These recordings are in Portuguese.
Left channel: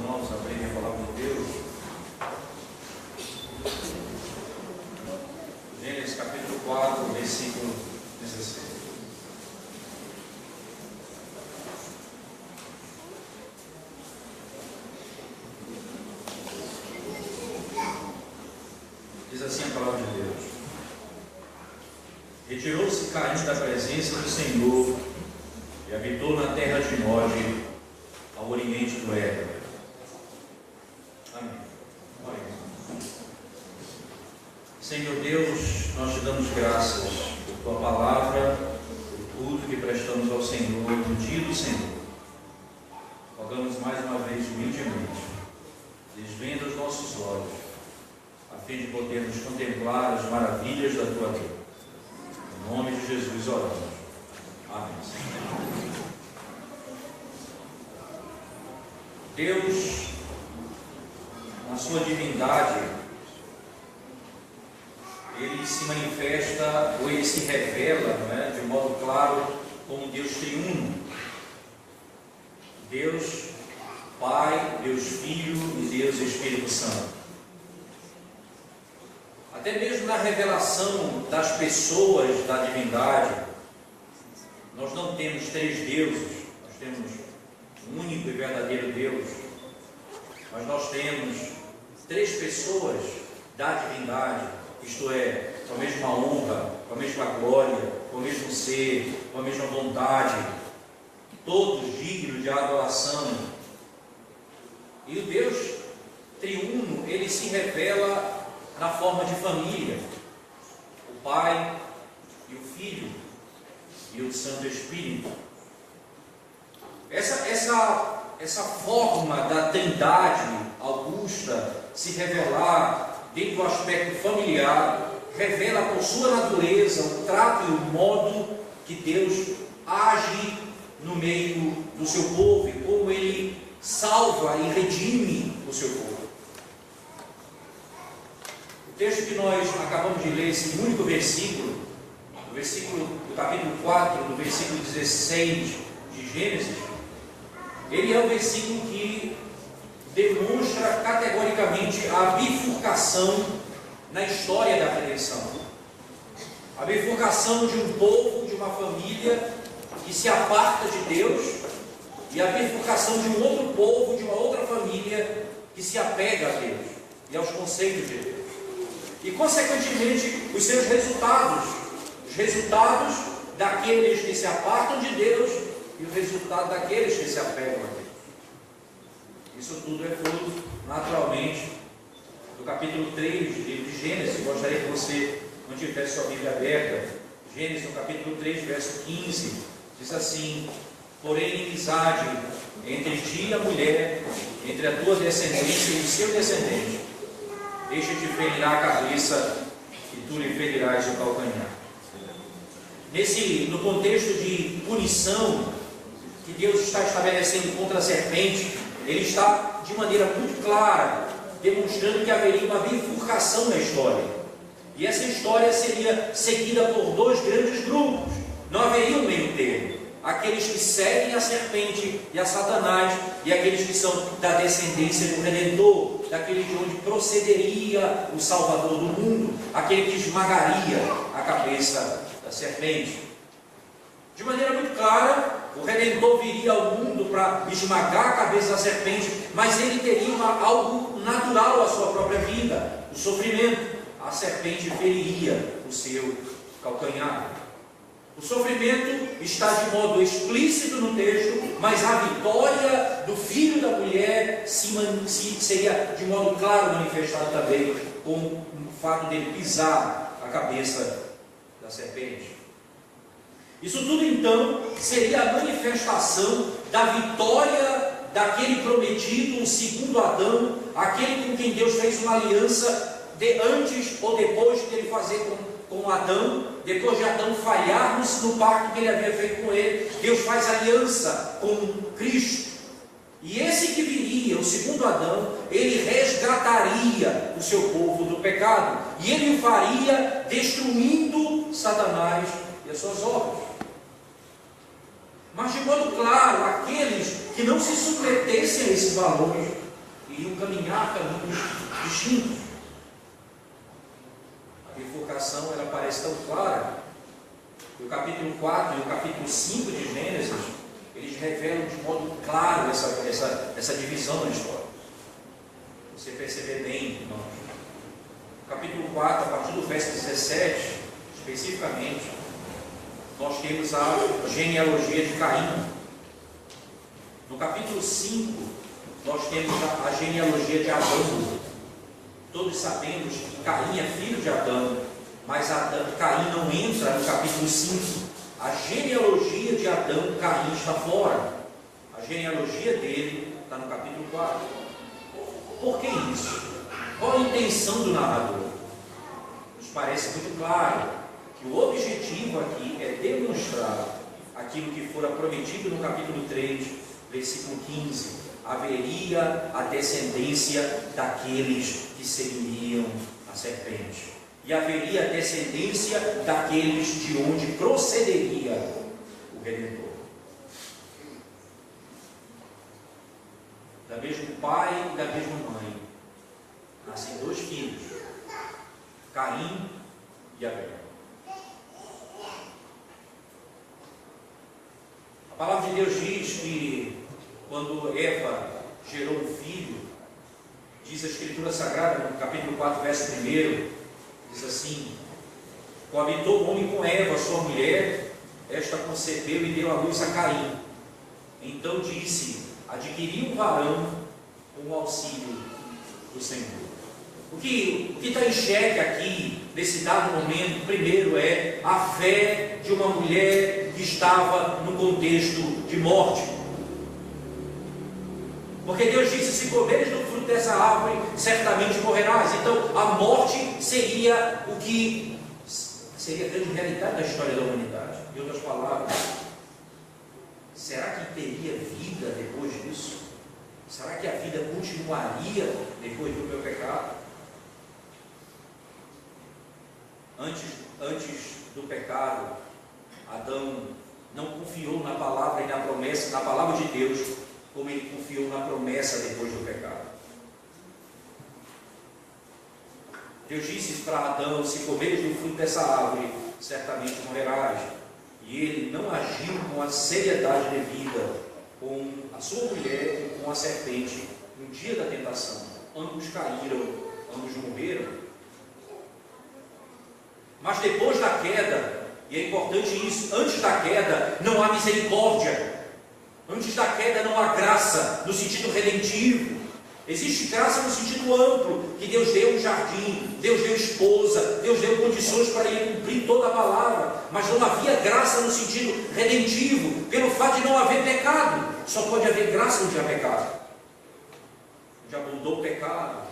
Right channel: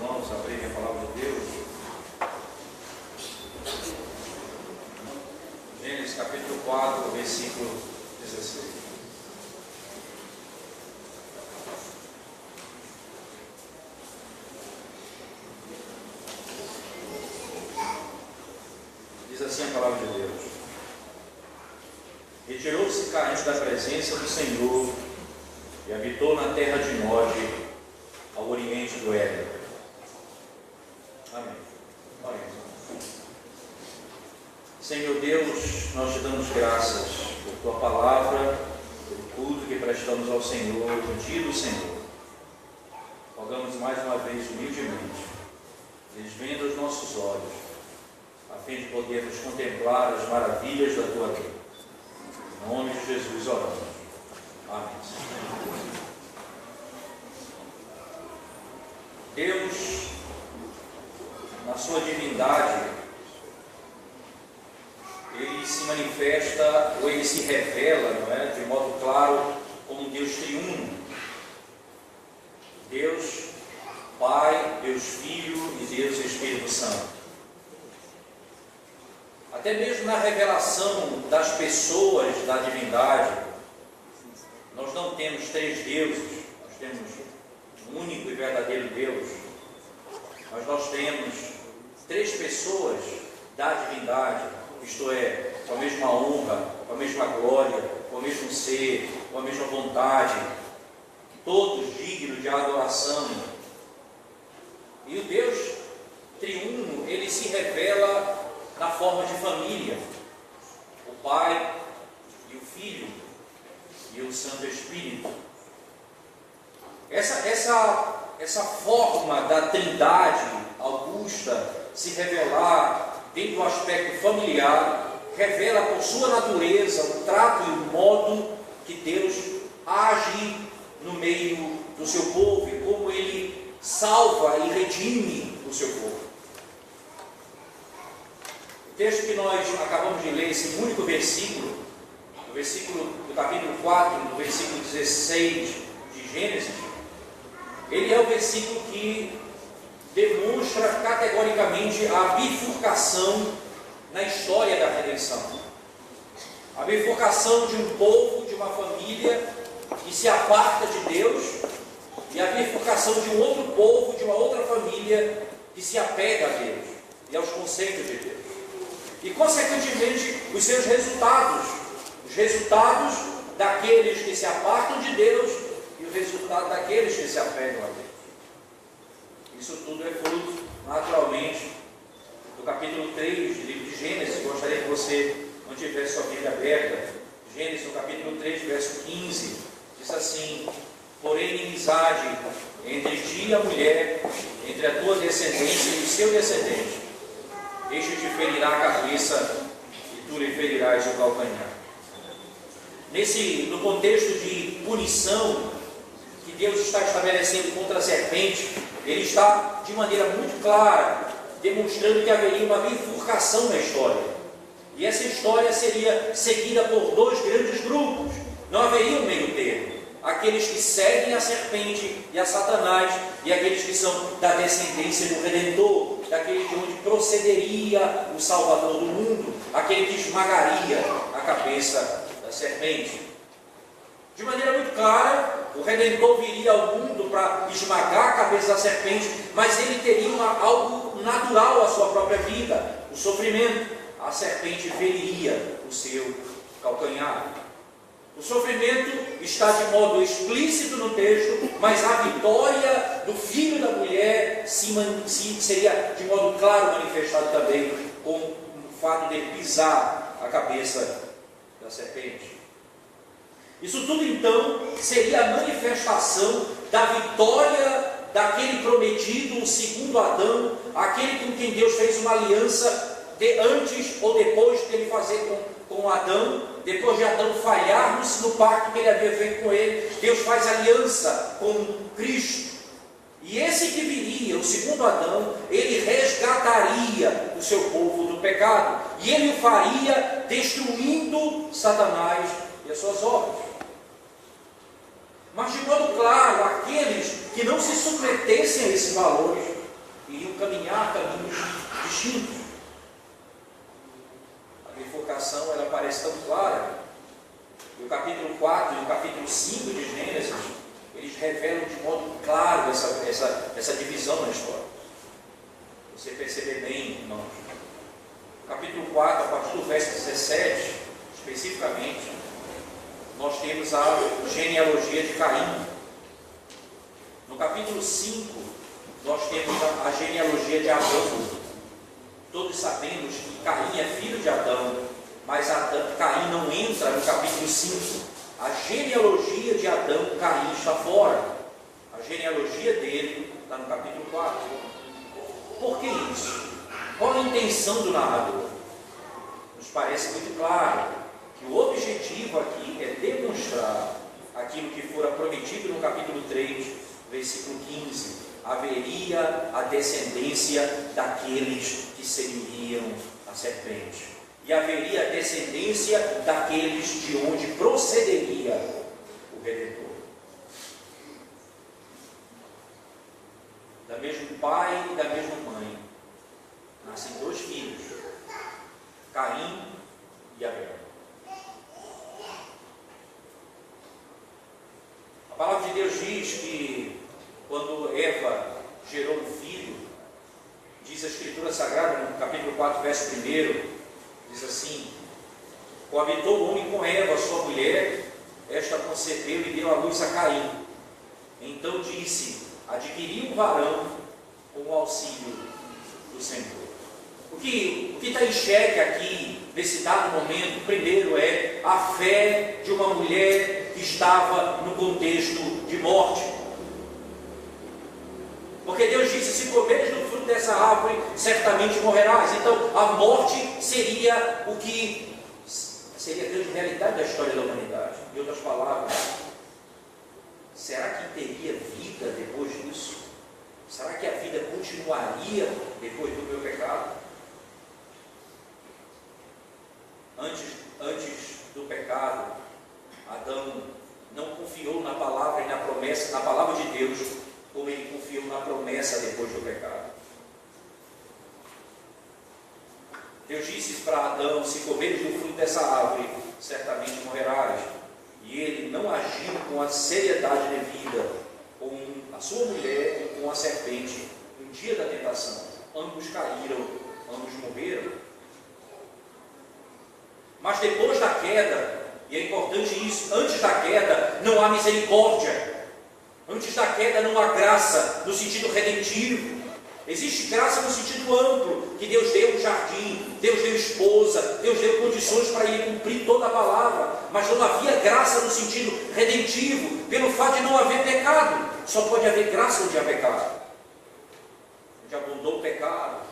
irmãos abrirem a palavra de Deus. Gênesis capítulo 4, versículo 16. Diz assim a palavra de Deus: retirou-se Caim da presença do Senhor e habitou na terra de Nod, ao oriente do Éden. Amém. Senhor Deus, nós te damos graças por tua palavra, por tudo que prestamos ao Senhor, no dia do Senhor. Rogamos mais uma vez humildemente, desvenda os nossos olhos, a fim de podermos contemplar as maravilhas da tua vida. Em nome de Jesus oramos. Amém. Deus, na sua divindade, ele se manifesta, ou ele se revela, não é, de modo claro, como Deus triuno. Deus Pai, Deus Filho e Deus Espírito Santo. Até mesmo na revelação das pessoas da divindade, nós não temos três deuses, nós temos um único e verdadeiro Deus, mas nós temos três pessoas da divindade, isto é, com a mesma honra, com a mesma glória, com o mesmo ser, com a mesma vontade, todos dignos de adoração. E o Deus triuno, ele se revela na forma de família, o Pai e o Filho e o Santo Espírito. Essa forma da Trindade augusta se revelar dentro do aspecto familiar, revela por sua natureza o trato e o modo que Deus age no meio do seu povo e como ele salva e redime o seu povo. O texto que nós acabamos de ler, esse único versículo, o versículo do capítulo 4, do versículo 16 de Gênesis, ele é o versículo que demonstra categoricamente a bifurcação na história da redenção. A bifurcação de um povo, de uma família que se aparta de Deus, e a bifurcação de um outro povo, de uma outra família que se apega a Deus e aos conceitos de Deus. E, consequentemente, os seus resultados, os resultados daqueles que se apartam de Deus e o resultado daqueles que se apegam a Deus. Isso tudo é fruto, naturalmente, do capítulo 3 de Gênesis. Gostaria que você não tivesse sua Bíblia aberta. Gênesis, no capítulo 3, verso 15, diz assim: porém, inimizade entre ti e a mulher, entre a tua descendência e o seu descendente. Este te ferirá a cabeça e tu lhe ferirás o calcanhar. No contexto de punição que Deus está estabelecendo contra a serpente, ele está de maneira muito clara demonstrando que haveria uma bifurcação na história. E essa história seria seguida por dois grandes grupos. Não haveria um meio termo. Aqueles que seguem a serpente e a Satanás, e aqueles que são da descendência do Redentor, daquele de onde procederia o Salvador do mundo, aquele que esmagaria a cabeça da serpente. De maneira muito clara, o Redentor viria ao mundo para esmagar a cabeça da serpente, mas ele teria algo natural à sua própria vida, o sofrimento. A serpente feriria o seu calcanhar. O sofrimento está de modo explícito no texto, mas a vitória do filho da mulher seria de modo claro manifestado também com o fato de pisar a cabeça da serpente. Isso tudo então seria a manifestação da vitória daquele prometido, o segundo Adão, aquele com quem Deus fez uma aliança antes ou depois de ele fazer com Adão, depois de Adão falhar no pacto que ele havia feito com ele. Deus faz aliança com Cristo. E esse que viria, o segundo Adão, ele resgataria o seu povo do pecado. E ele o faria destruindo Satanás e as suas obras. Mas de modo claro, aqueles que não se submetessem a esses valores, caminhar caminhos distintos. A bifurcação ela parece tão clara que o capítulo 4 e o capítulo 5 de Gênesis, eles revelam de modo claro essa divisão na história. Você perceber bem, irmão. No capítulo 4, a partir do verso 17, especificamente, nós temos a genealogia de Caim. No capítulo 5, nós temos a genealogia de Adão. Todos sabemos que Caim é filho de Adão, mas Caim não entra no capítulo 5. A genealogia de Adão, Caim está fora. A genealogia dele está no capítulo 4. Por que isso? Qual a intenção do narrador? Nos parece muito claro que o objetivo aqui é demonstrar aquilo que fora prometido no capítulo 3, versículo 15: haveria a descendência daqueles que seguiriam a serpente, e haveria a descendência daqueles de onde procederia o Redentor. Da mesmo pai e da mesma mãe nascem dois filhos, Caim e Abel. A palavra de Deus diz que quando Eva gerou um filho, diz a Escritura Sagrada, no capítulo 4, verso 1, diz assim: coabitou o homem com Eva, sua mulher, esta concebeu e deu à luz a Caim. Então disse: adquiri um varão com o auxílio do Senhor. O que está em xeque aqui, nesse dado momento, primeiro é a fé de uma mulher que estava no contexto de morte. Porque Deus disse: se comeres do fruto dessa árvore, certamente morrerás. Então, a morte seria o que seria a grande realidade da história da humanidade. Em outras palavras, será que teria vida depois disso? Será que a vida continuaria depois do meu pecado? Antes do pecado, Adão não confiou na palavra e na promessa, na palavra de Deus, como ele confiou na promessa depois do pecado. Deus disse para Adão: se comeres do fruto dessa árvore, certamente morrerás. E ele não agiu com a seriedade devida com a sua mulher e com a serpente no dia da tentação. Ambos caíram, ambos morreram. Mas depois da queda, e é importante isso, antes da queda não há misericórdia. Antes da queda não há graça no sentido redentivo. Existe graça no sentido amplo, que Deus deu um jardim, Deus deu esposa, Deus deu condições para ele cumprir toda a palavra. Mas não havia graça no sentido redentivo, pelo fato de não haver pecado. Só pode haver graça onde há pecado. Onde abundou o pecado,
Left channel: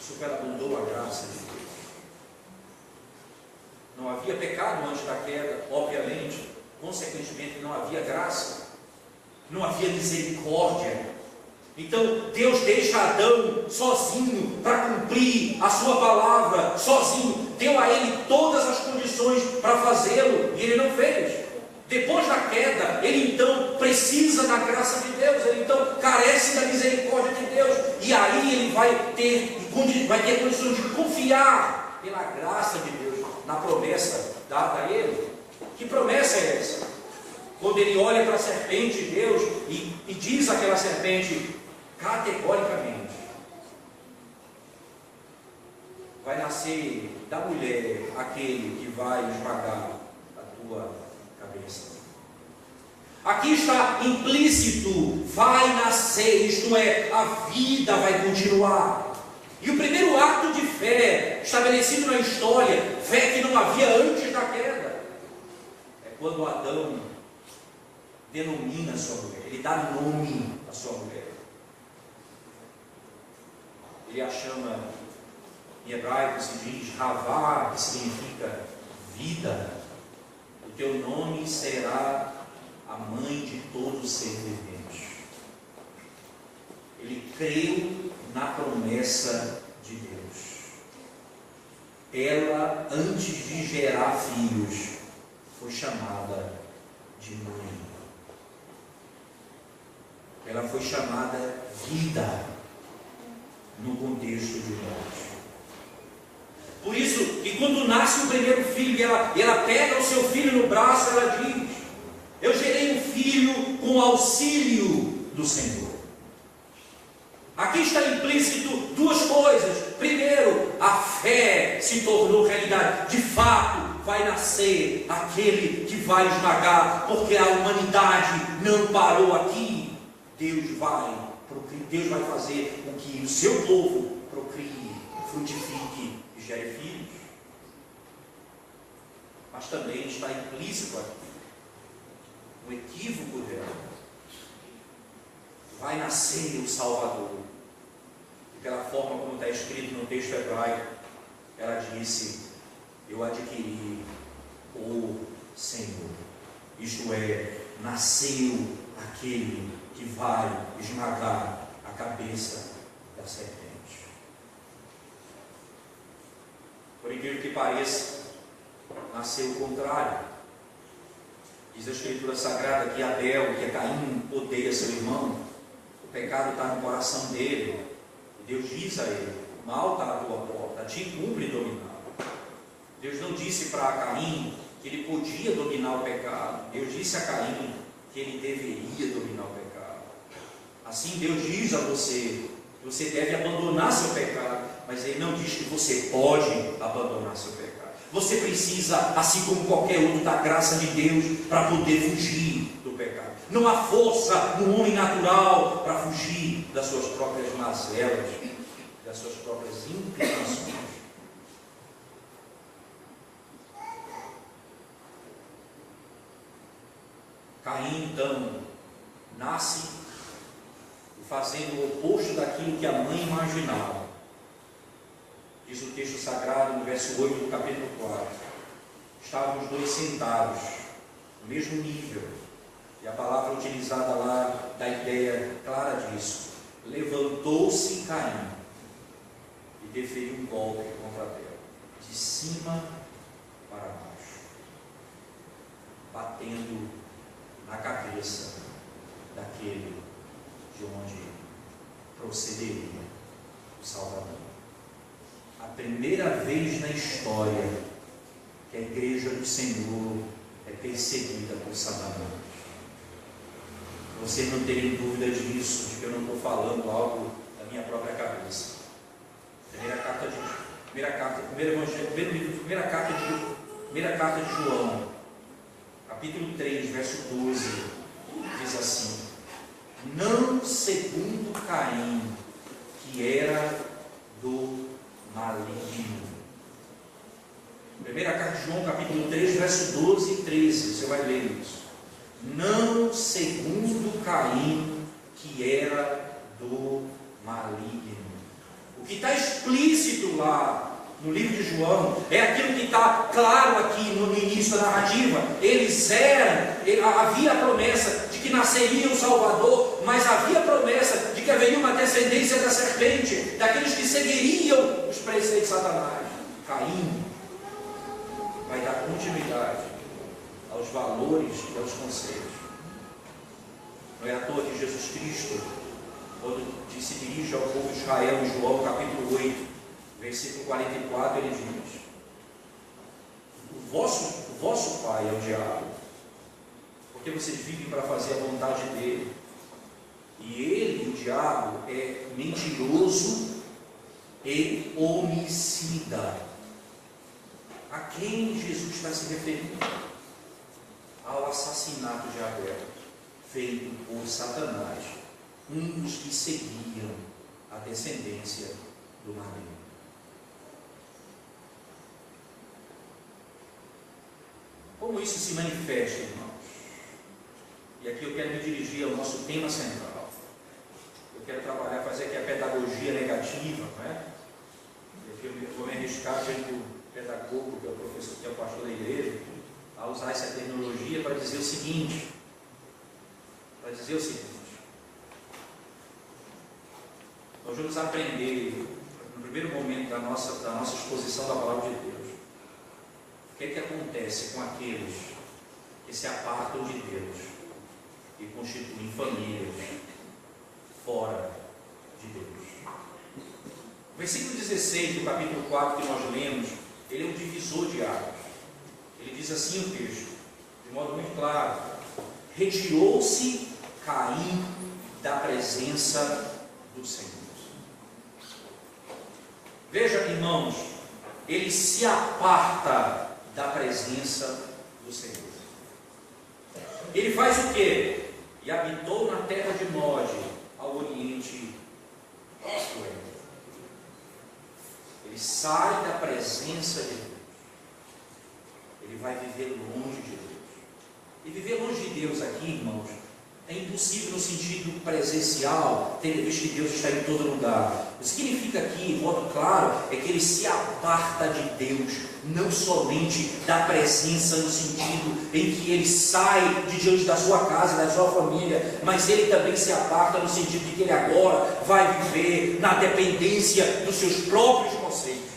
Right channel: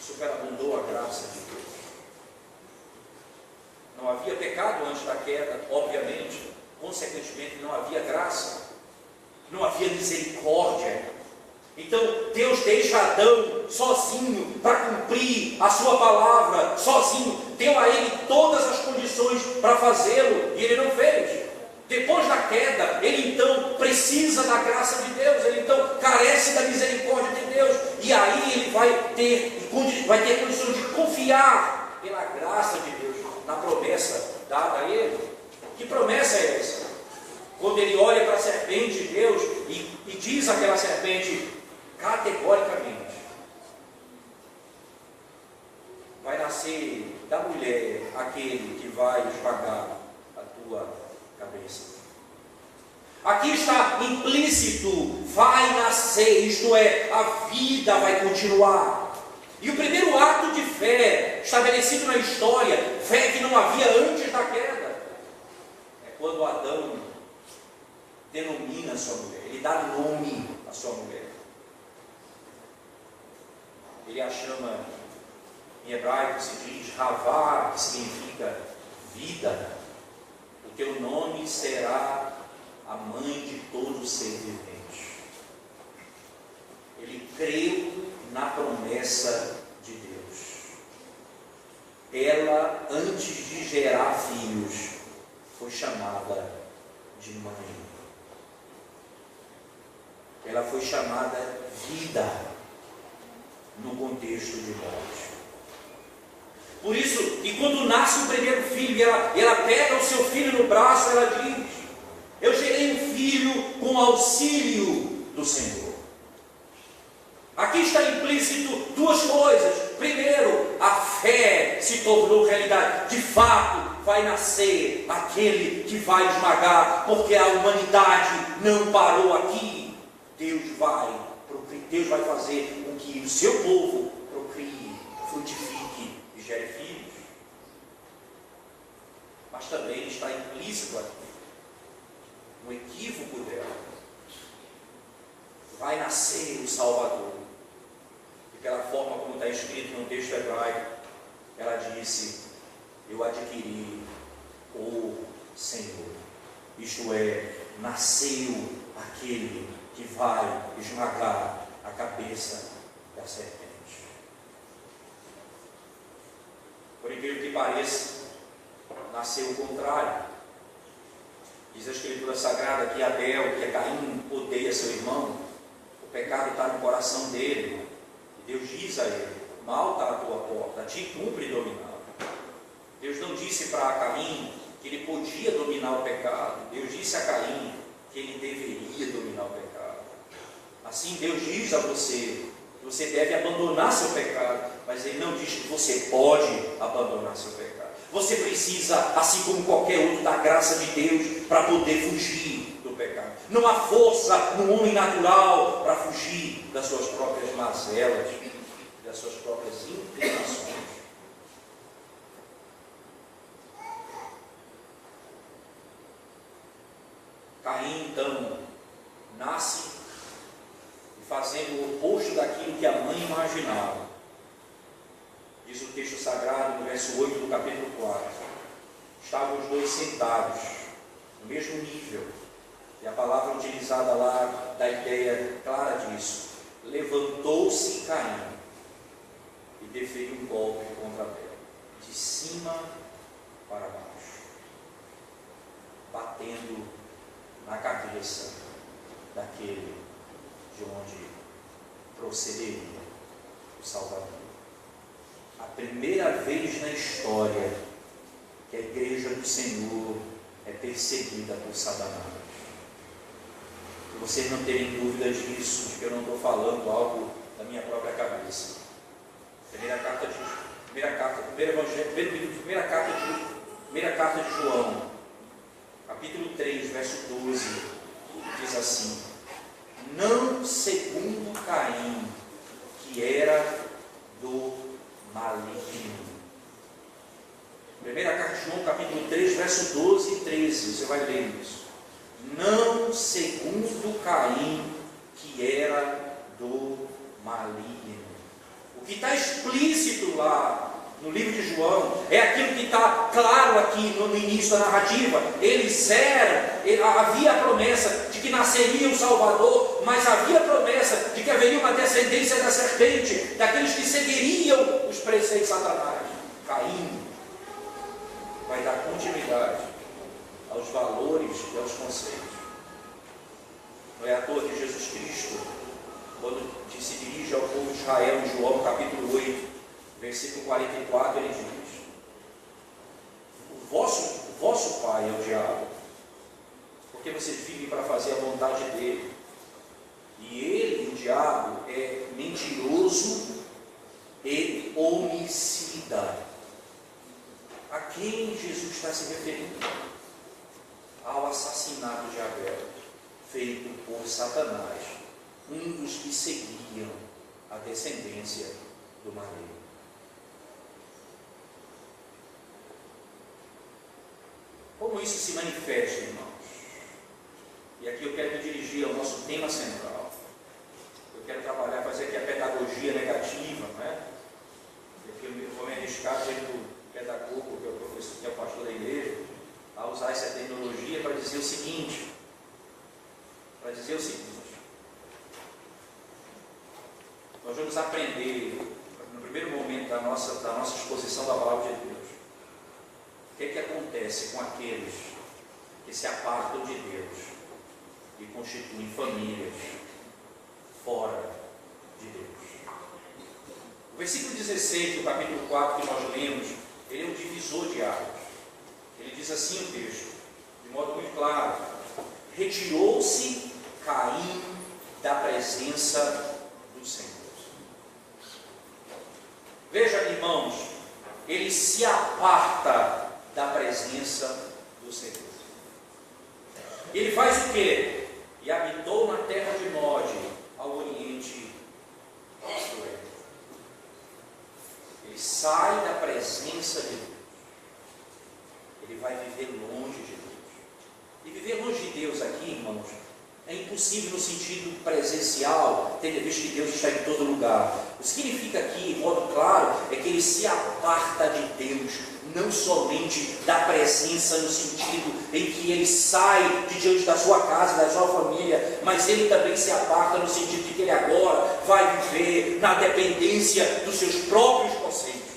superabundou a graça de Deus. Não havia pecado antes da queda, obviamente. Consequentemente, não havia graça. Não havia misericórdia. Então Deus deixa Adão sozinho para cumprir a sua palavra, sozinho. Deu a ele todas as condições para fazê-lo e ele não fez. Depois da queda, ele então precisa da graça de Deus, ele então carece da misericórdia de Deus, e aí ele vai ter condições de confiar pela graça de Deus na promessa dada a ele. Que promessa é essa? Quando ele olha para a serpente de Deus e diz àquela serpente categoricamente: vai nascer da mulher aquele que vai esmagar a tua cabeça. Aqui está implícito: vai nascer, isto é, a vida vai continuar. E o primeiro ato de fé estabelecido na história, fé que não havia antes da queda, é quando Adão denomina a sua mulher, ele dá nome à sua mulher. Ele a chama, em hebraico se diz Havá, que significa vida. O teu nome será a mãe de todo ser vivente. Ele creu na promessa de Deus. Ela, antes de gerar filhos, foi chamada de mãe. Ela foi chamada vida. Por isso que quando nasce o primeiro filho e ela pega o seu filho no braço, ela diz: eu gerei um filho com auxílio do Senhor. Aqui está implícito duas coisas. Primeiro, a fé se tornou realidade. De fato, vai nascer aquele que vai esmagar, porque a humanidade não parou aqui. Deus vai fazer com que o seu povo procrie, frutifique e gere filhos. Mas também está implícito aqui o equívoco dela. Vai nascer o Salvador. Daquela forma como está escrito no texto hebraico, ela disse: eu adquiri o Senhor. Isto é, nasceu aquele que vai esmagar a cabeça da serpente. Por incrível que pareça, nasceu o contrário. Diz a Escritura Sagrada que Abel, que Caim, odeia seu irmão. O pecado está no coração dele. E Deus diz a ele: o mal está na tua porta, te cumpre dominá-lo. Deus não disse para Caim que ele podia dominar o pecado. Deus disse a Caim que ele deveria dominar o pecado. Assim Deus diz a você que você deve abandonar seu pecado, mas Ele não diz que você pode abandonar seu pecado. Você precisa, assim como qualquer outro, da graça de Deus para poder fugir do pecado. Não há força no homem natural para fugir das suas próprias mazelas, das suas próprias inclinações. Caim, então, nasce fazendo o oposto daquilo que a mãe imaginava. Diz o texto sagrado, no verso 8 do capítulo 4. Estavam os dois sentados, no mesmo nível. E a palavra utilizada lá dá ideia clara disso. Levantou-se Caim e deferiu um golpe contra ela, de cima para baixo, batendo na cabeça daquele de onde procederia o Salvador. A primeira vez na história que a igreja do Senhor é perseguida por Satanás. Vocês não terem dúvida disso, de que eu não estou falando algo da minha própria cabeça. Primeira carta de João, capítulo 3, verso 12, diz assim: não segundo Caim, que era do maligno. Primeira carta de João, capítulo 3, verso 12 e 13, você vai ler isso. Não segundo Caim, que era do maligno. O que está explícito lá no livro de João é aquilo que está claro aqui no início da narrativa. Havia a promessa de que nasceria o Salvador, mas havia a promessa de que haveria uma descendência da serpente, daqueles que seguiriam os preceitos de Satanás. Caim vai dar continuidade aos valores e aos conceitos. Não é à toa que Jesus Cristo, quando se dirige ao povo de Israel em João capítulo 8, versículo 44, ele diz: o vosso pai é o diabo, porque vocês vivem para fazer a vontade dele. E ele, o diabo, é mentiroso e homicida. A quem Jesus está se referindo? Ao assassinato de Abel, feito por Satanás, um dos que seguiam a descendência do maligno. Como isso se manifesta, irmãos? E aqui eu quero me dirigir ao nosso tema central. Eu quero fazer aqui a pedagogia negativa, não é? Eu vou me arriscar sendo pedagogo, que é o professor, que é o pastor da igreja, a usar essa terminologia para dizer o seguinte. Nós vamos aprender, no primeiro momento da nossa exposição da palavra de Deus, o que acontece com aqueles que se apartam de Deus e constituem famílias fora de Deus. O versículo 16 do capítulo 4 que nós lemos, ele é um divisor de águas. Ele diz assim o texto, de modo muito claro: retirou-se Caim da presença do Senhor. Veja, irmãos, ele se aparta da presença do Senhor. Ele faz o quê? E habitou na terra de Nod, ao oriente do Éden. Ele sai da presença de Deus. Ele vai viver longe de Deus. E viver longe de Deus aqui, irmãos, é impossível no sentido presencial, tendo visto que Deus está em todo lugar. O que significa aqui, de modo claro, é que ele se aparta de Deus, não somente da presença no sentido em que ele sai de diante da sua casa, da sua família, mas ele também se aparta no sentido de que ele agora vai viver na dependência dos seus próprios conceitos.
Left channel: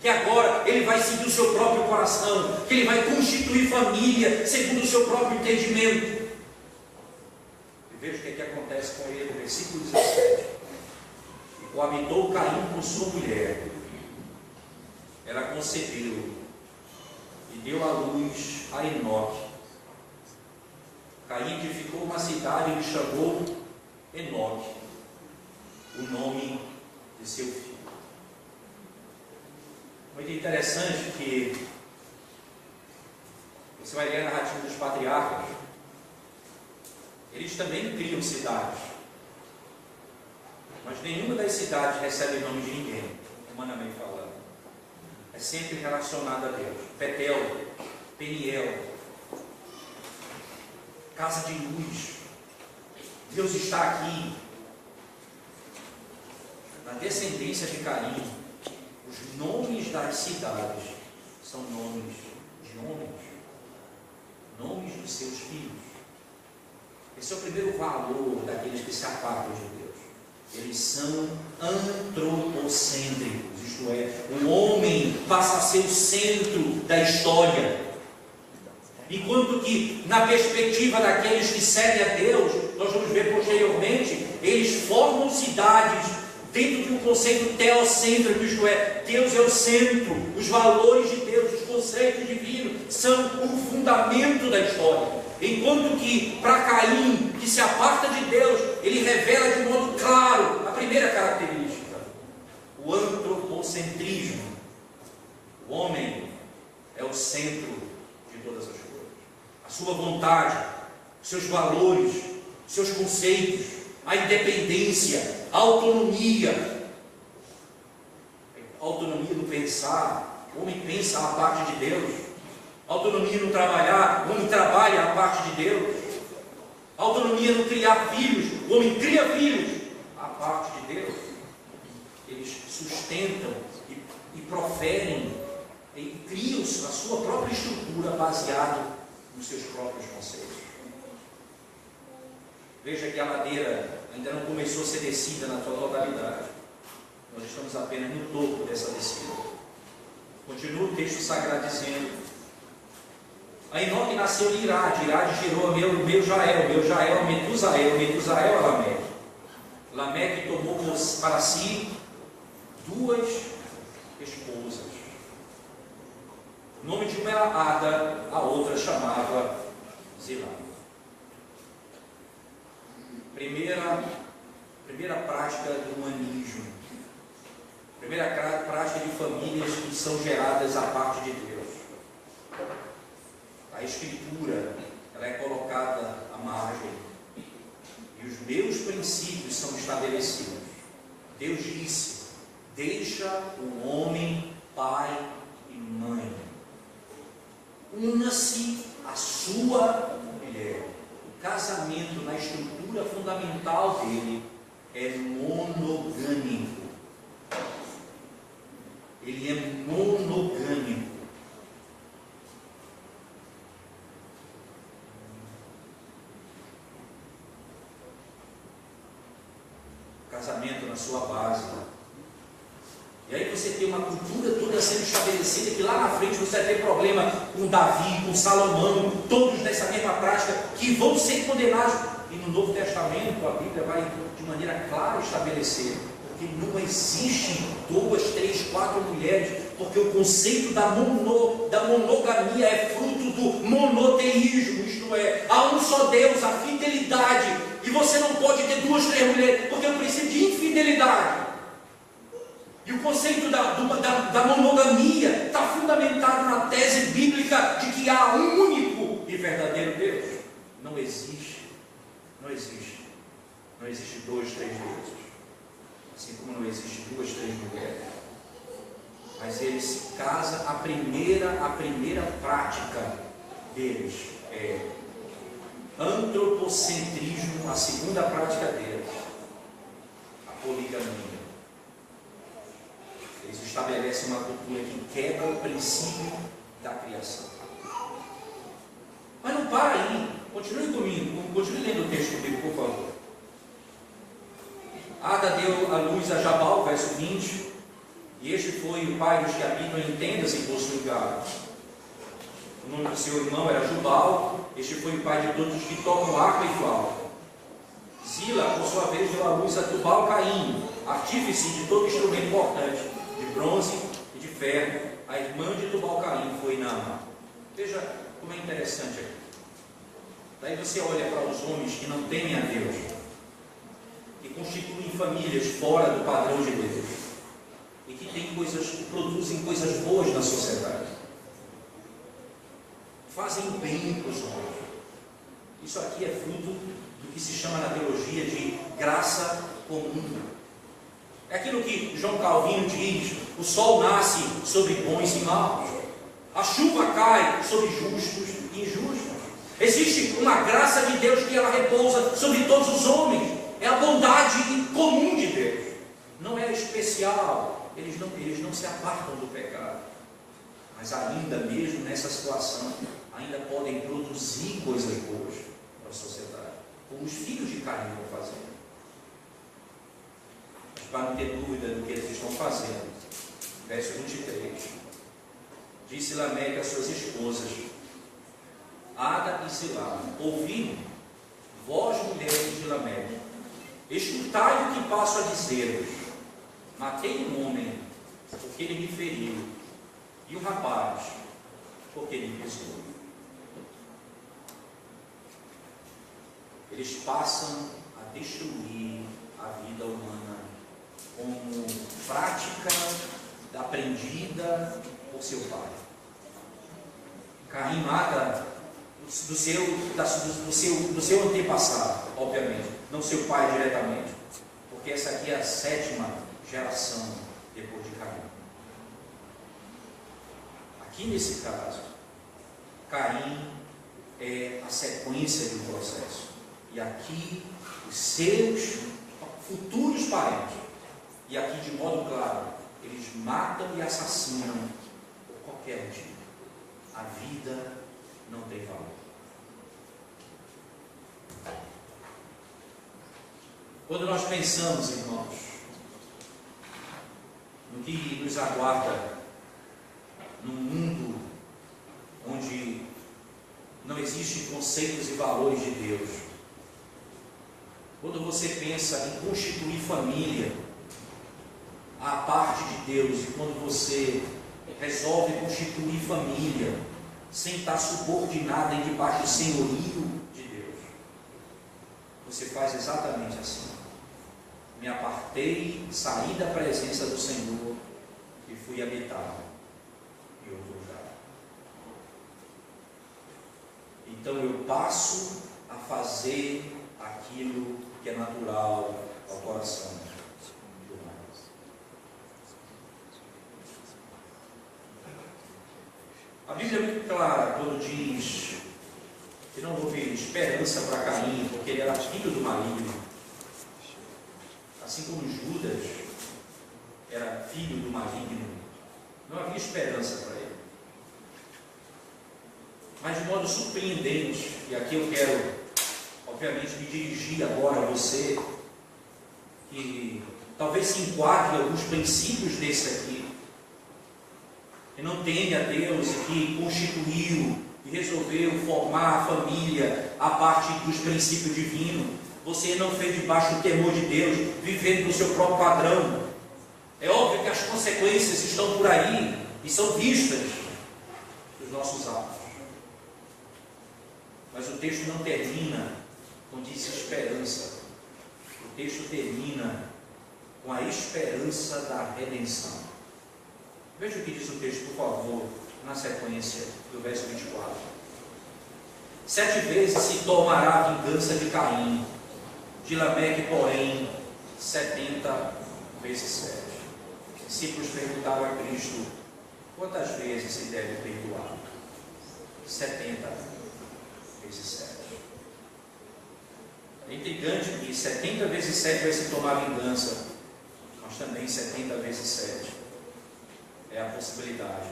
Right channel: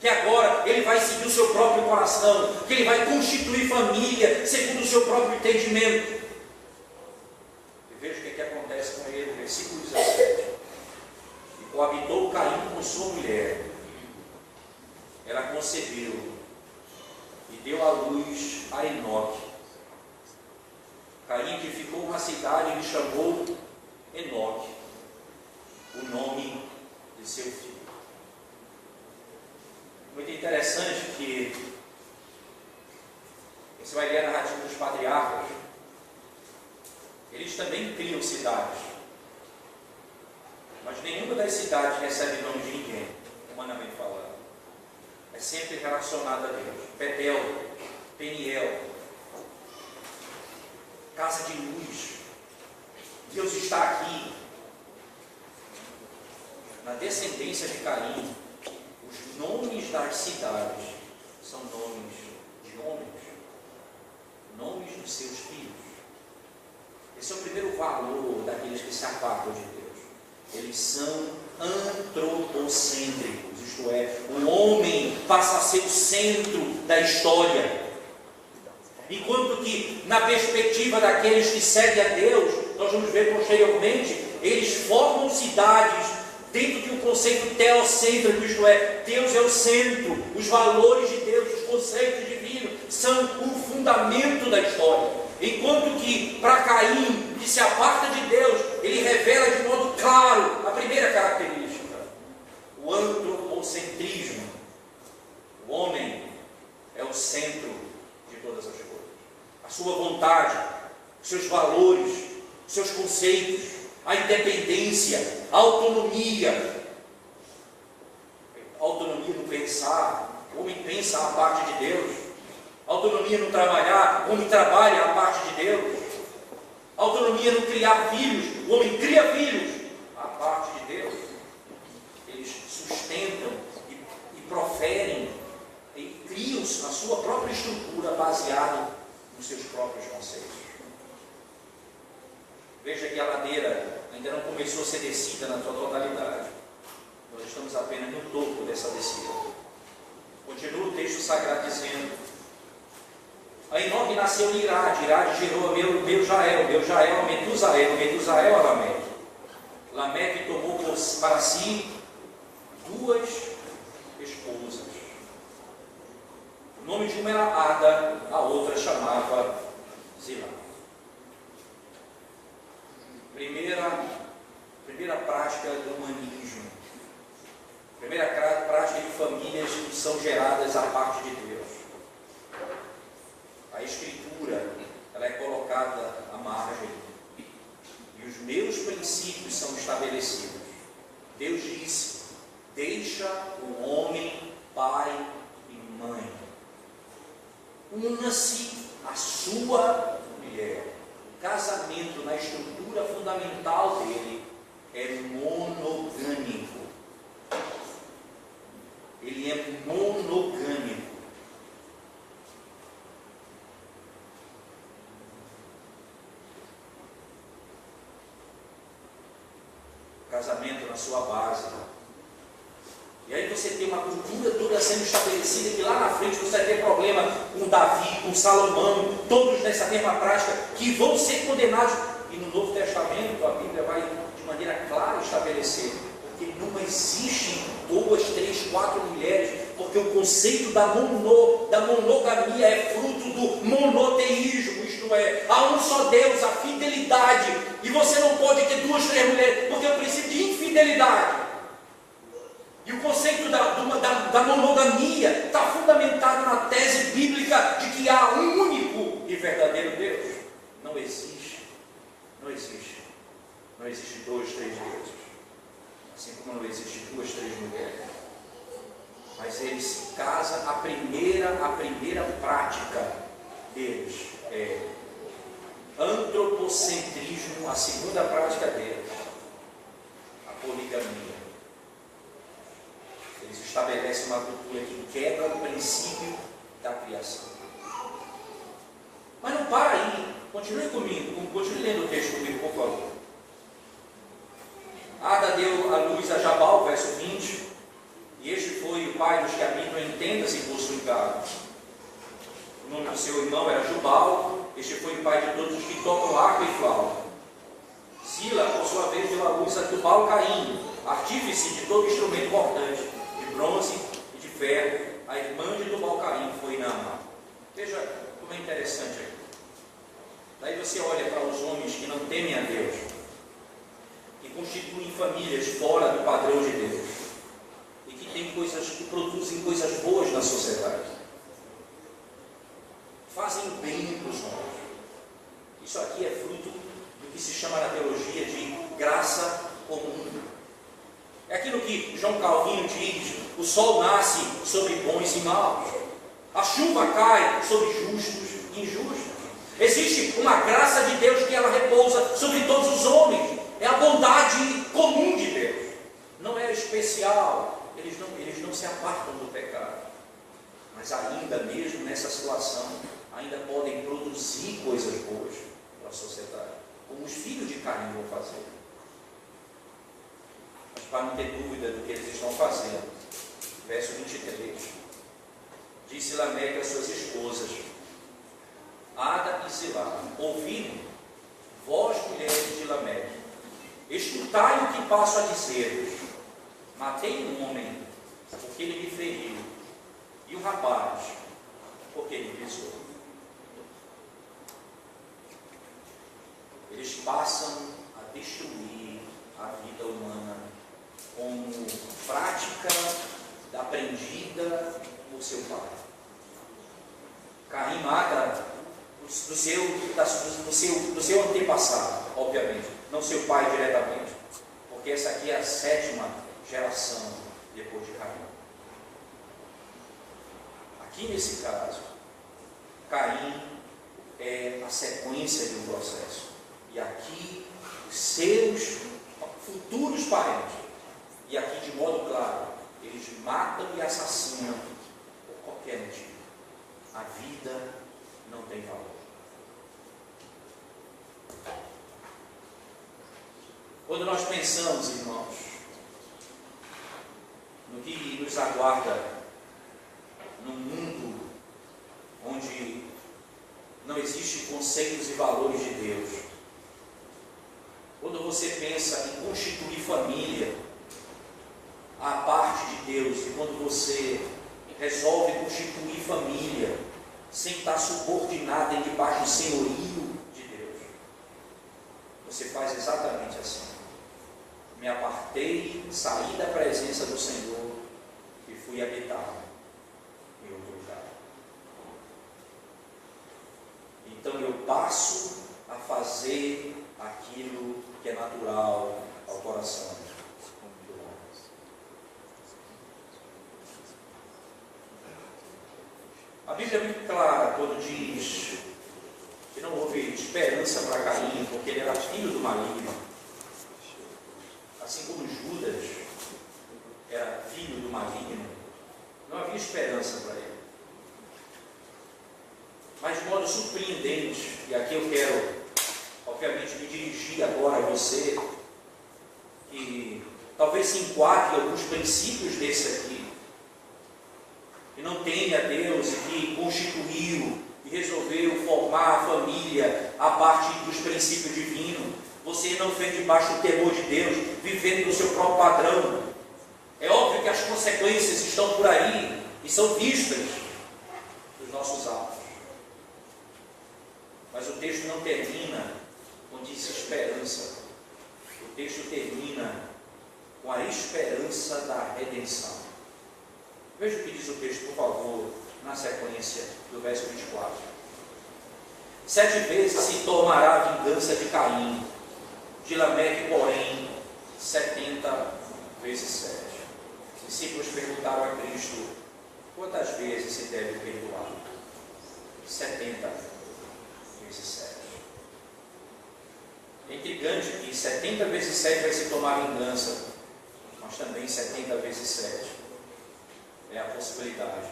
Que agora ele vai seguir o seu próprio coração, que ele vai constituir família segundo o seu próprio entendimento. Veja o que acontece com ele no versículo 17. E coabitou Caim com sua mulher. Ela concebeu e deu à luz a Enoque. Caim edificou uma cidade e lhe chamou Enoque, o nome de seu filho. Muito interessante que você vai ler a narrativa dos patriarcas. Eles também criam cidades, mas nenhuma das cidades recebe o nome de ninguém, humanamente falando. É sempre relacionada a Deus. Betel, Peniel, casa de luz. Deus está aqui. Na descendência de Caim, os nomes das cidades são nomes de homens, nomes dos seus filhos. Esse é o primeiro valor daqueles que se apartam de Deus. Eles são antropocêntricos, isto é, o homem passa a ser o centro da história. Enquanto que, na perspectiva daqueles que servem a Deus, nós vamos ver posteriormente, eles formam cidades dentro de um conceito teocêntrico, isto é, Deus é o centro, os valores de Deus, os conceitos divinos são o fundamento da história. Enquanto que, para Caim, que se aparta de Deus, ele revela de modo claro a primeira característica: o antropocentrismo. O homem é o centro de todas as coisas. A sua vontade, seus valores, seus conceitos, a independência, a autonomia. A autonomia no pensar, o homem pensa a parte de Deus. Autonomia no trabalhar, o homem trabalha a parte de Deus. Autonomia no criar filhos, o homem cria filhos a parte de Deus. Eles sustentam e proferem e criam a sua própria estrutura baseada nos seus próprios conceitos. Veja que a ladeira ainda não começou a ser descida na sua totalidade. Nós estamos apenas no topo dessa descida. Continua o texto sagrado dizendo: a Enoque nasceu de Irade, Irade gerou a meu Jael, a Metusael, a Lameque. Lameque tomou para si 2 esposas. O nome de uma era Ada, a outra chamava Zilá. Primeira prática do humanismo. Primeira prática de famílias que são geradas a parte de Deus. A Escritura, ela é colocada à margem e os meus princípios são estabelecidos. Deus disse: deixa o homem pai e mãe, una-se a sua mulher. O casamento, na estrutura fundamental dele, é monogâmico. Ele é monogâmico. Casamento na sua base. E aí você tem uma cultura toda sendo estabelecida, que lá na frente você vai ter problema com Davi, com Salomão, todos nessa mesma prática, que vão ser condenados. E no Novo Testamento a Bíblia vai de maneira clara estabelecer Porque não existem 2, 3, 4 mulheres, porque o conceito da monogamia é fruto do monoteísmo, isto é, há um só Deus, a fidelidade, e você não pode ter 2, 3 mulheres, porque é o princípio de infidelidade. E o conceito da monogamia está fundamentado na tese bíblica de que há um único e verdadeiro Deus. Não existe. Não existe 2, 3 deuses. Assim como não existe 2, 3 mulheres. Mas eles se casam, a primeira prática deles é antropocentrismo, a segunda prática deles, a poligamia. Eles estabelecem uma cultura que quebra o princípio da criação. Mas não para aí. Continue comigo. Continue lendo o texto comigo, por favor. Ada deu a luz a Jabal, verso 20. E este foi o pai dos que habitam em tendas e poços de gado. O nome do seu irmão era Jubal. Este foi o pai de todos os que tocam arco e flauta. Zila, por sua vez, deu a luz a Tubal-Caim, artífice de todo instrumento cortante, de bronze e de ferro. A irmã de Tubal-Caim foi Naamá. Veja como é interessante aqui. Daí você olha para os homens que não temem a Deus, que constituem famílias fora do padrão de Deus, e que produzem coisas boas na sociedade, fazem o bem para os homens. Isso aqui é fruto do que se chama na teologia de graça comum. É aquilo que João Calvino diz: o sol nasce sobre bons e maus, a chuva cai sobre justos e injustos. Existe uma graça de Deus que ela repousa sobre todos os homens. É a bondade comum de Deus. Não é especial. Eles não se apartam do pecado. Mas ainda mesmo nessa situação, ainda podem produzir coisas boas para a sociedade, como os filhos de Caim vão fazer. Mas para não ter dúvida do que eles estão fazendo, verso 23, disse Lameque às suas esposas, Ada e Zilá: ouvi, vós mulheres de Lameque, escutai o que passo a dizer-vos. Matei um homem, porque ele me feriu, e um rapaz, porque ele me pisou. Eles passam a destruir a vida humana como prática aprendida por seu pai. Caim mata do seu antepassado, obviamente, não seu pai diretamente, porque essa aqui é a 7ª geração depois de Caim. Aqui nesse caso, Caim é a sequência de um processo, e aqui os seus futuros parentes, e aqui de modo claro, eles matam e assassinam por qualquer motivo. A vida não tem valor. Quando nós pensamos, irmãos, no que nos aguarda num mundo onde não existem conceitos e valores de Deus, quando você pensa em constituir família à parte de Deus, e quando você resolve constituir família sem estar subordinado e debaixo do senhorio de Deus, você faz exatamente assim. Me apartei, saí da presença do Senhor e fui habitar em outro lugar. Então eu passo a fazer aquilo que é natural ao coração. A Bíblia é muito clara quando diz que não houve esperança para Caim, porque ele era filho do maligno. Assim como Judas era filho do maligno, não havia esperança para ele. Mas de modo surpreendente, e aqui eu quero, obviamente, me dirigir agora a você, que talvez se enquadre alguns princípios desse aqui, que não teme a Deus e que constituiu e resolveu formar a família a partir dos princípios divinos. você não fez debaixo do temor de Deus, vivendo no seu próprio padrão. É óbvio que as consequências estão por aí e são vistas dos nossos atos. Mas o texto não termina com desesperança. O texto termina com a esperança da redenção. Veja o que diz o texto, por favor, na sequência do verso 24. 7 vezes se tomará a vingança de Caim, de Lameque, porém, 70 vezes 7. Os discípulos perguntaram a Cristo: quantas vezes se deve perdoar? 70 vezes 7. É intrigante que 70 vezes 7 vai se tomar vingança, mas também 70 vezes 7 é a possibilidade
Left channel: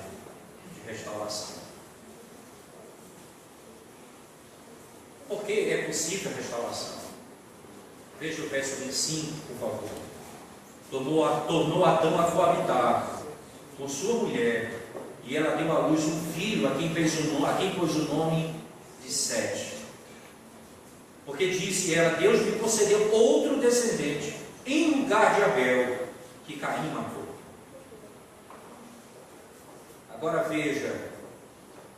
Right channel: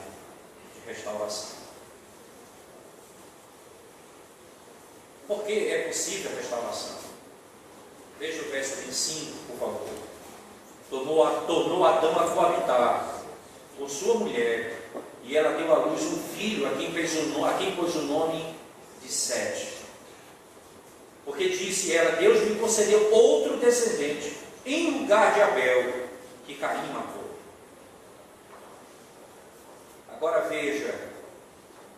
de restauração. Por que é possível a restauração? Veja o verso 25, por favor. Tornou Adão a coabitar com sua mulher, e ela deu à luz um filho, a quem pôs o nome de Sete. Porque disse ela: Deus me concedeu outro descendente, em lugar de Abel, que Caim matou. Agora veja,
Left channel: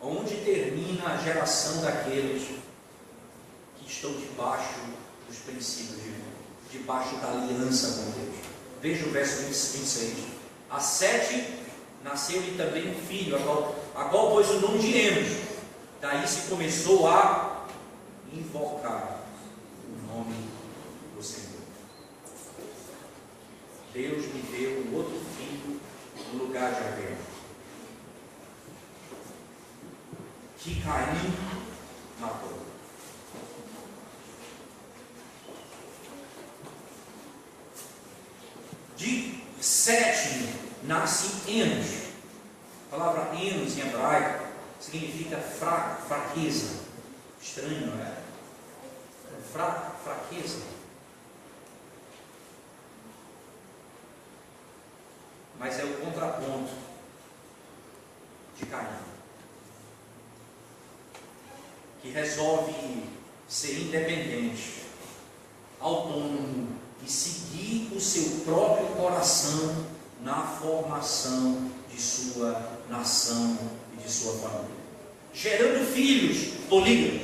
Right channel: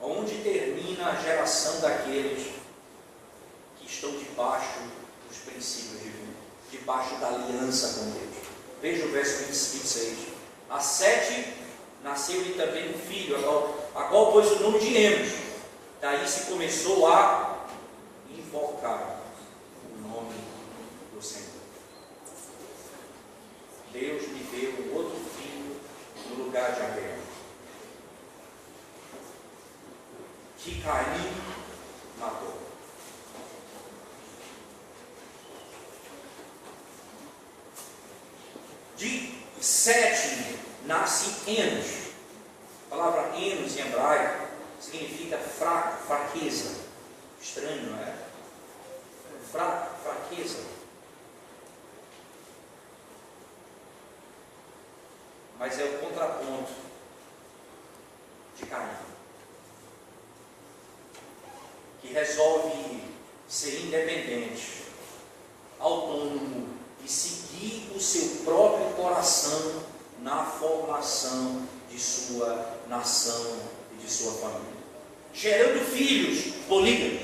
onde termina a geração daqueles que estão debaixo dos princípios divinos, debaixo da aliança com Deus. Veja o verso 26. A Sete nasceu-lhe também um filho, a qual pôs o nome de Enos. Daí se começou a invocar o nome do Senhor. Deus me deu um outro filho no lugar de Abel, que Caim matou. De Sete nasce Enos. A palavra Enos em hebraico significa fraqueza. Estranho, não é? Fraqueza. Mas é o contraponto de Caim, que resolve ser independente, autônomo e seguir o seu próprio coração na formação de sua nação e de sua família, gerando filhos polígamos,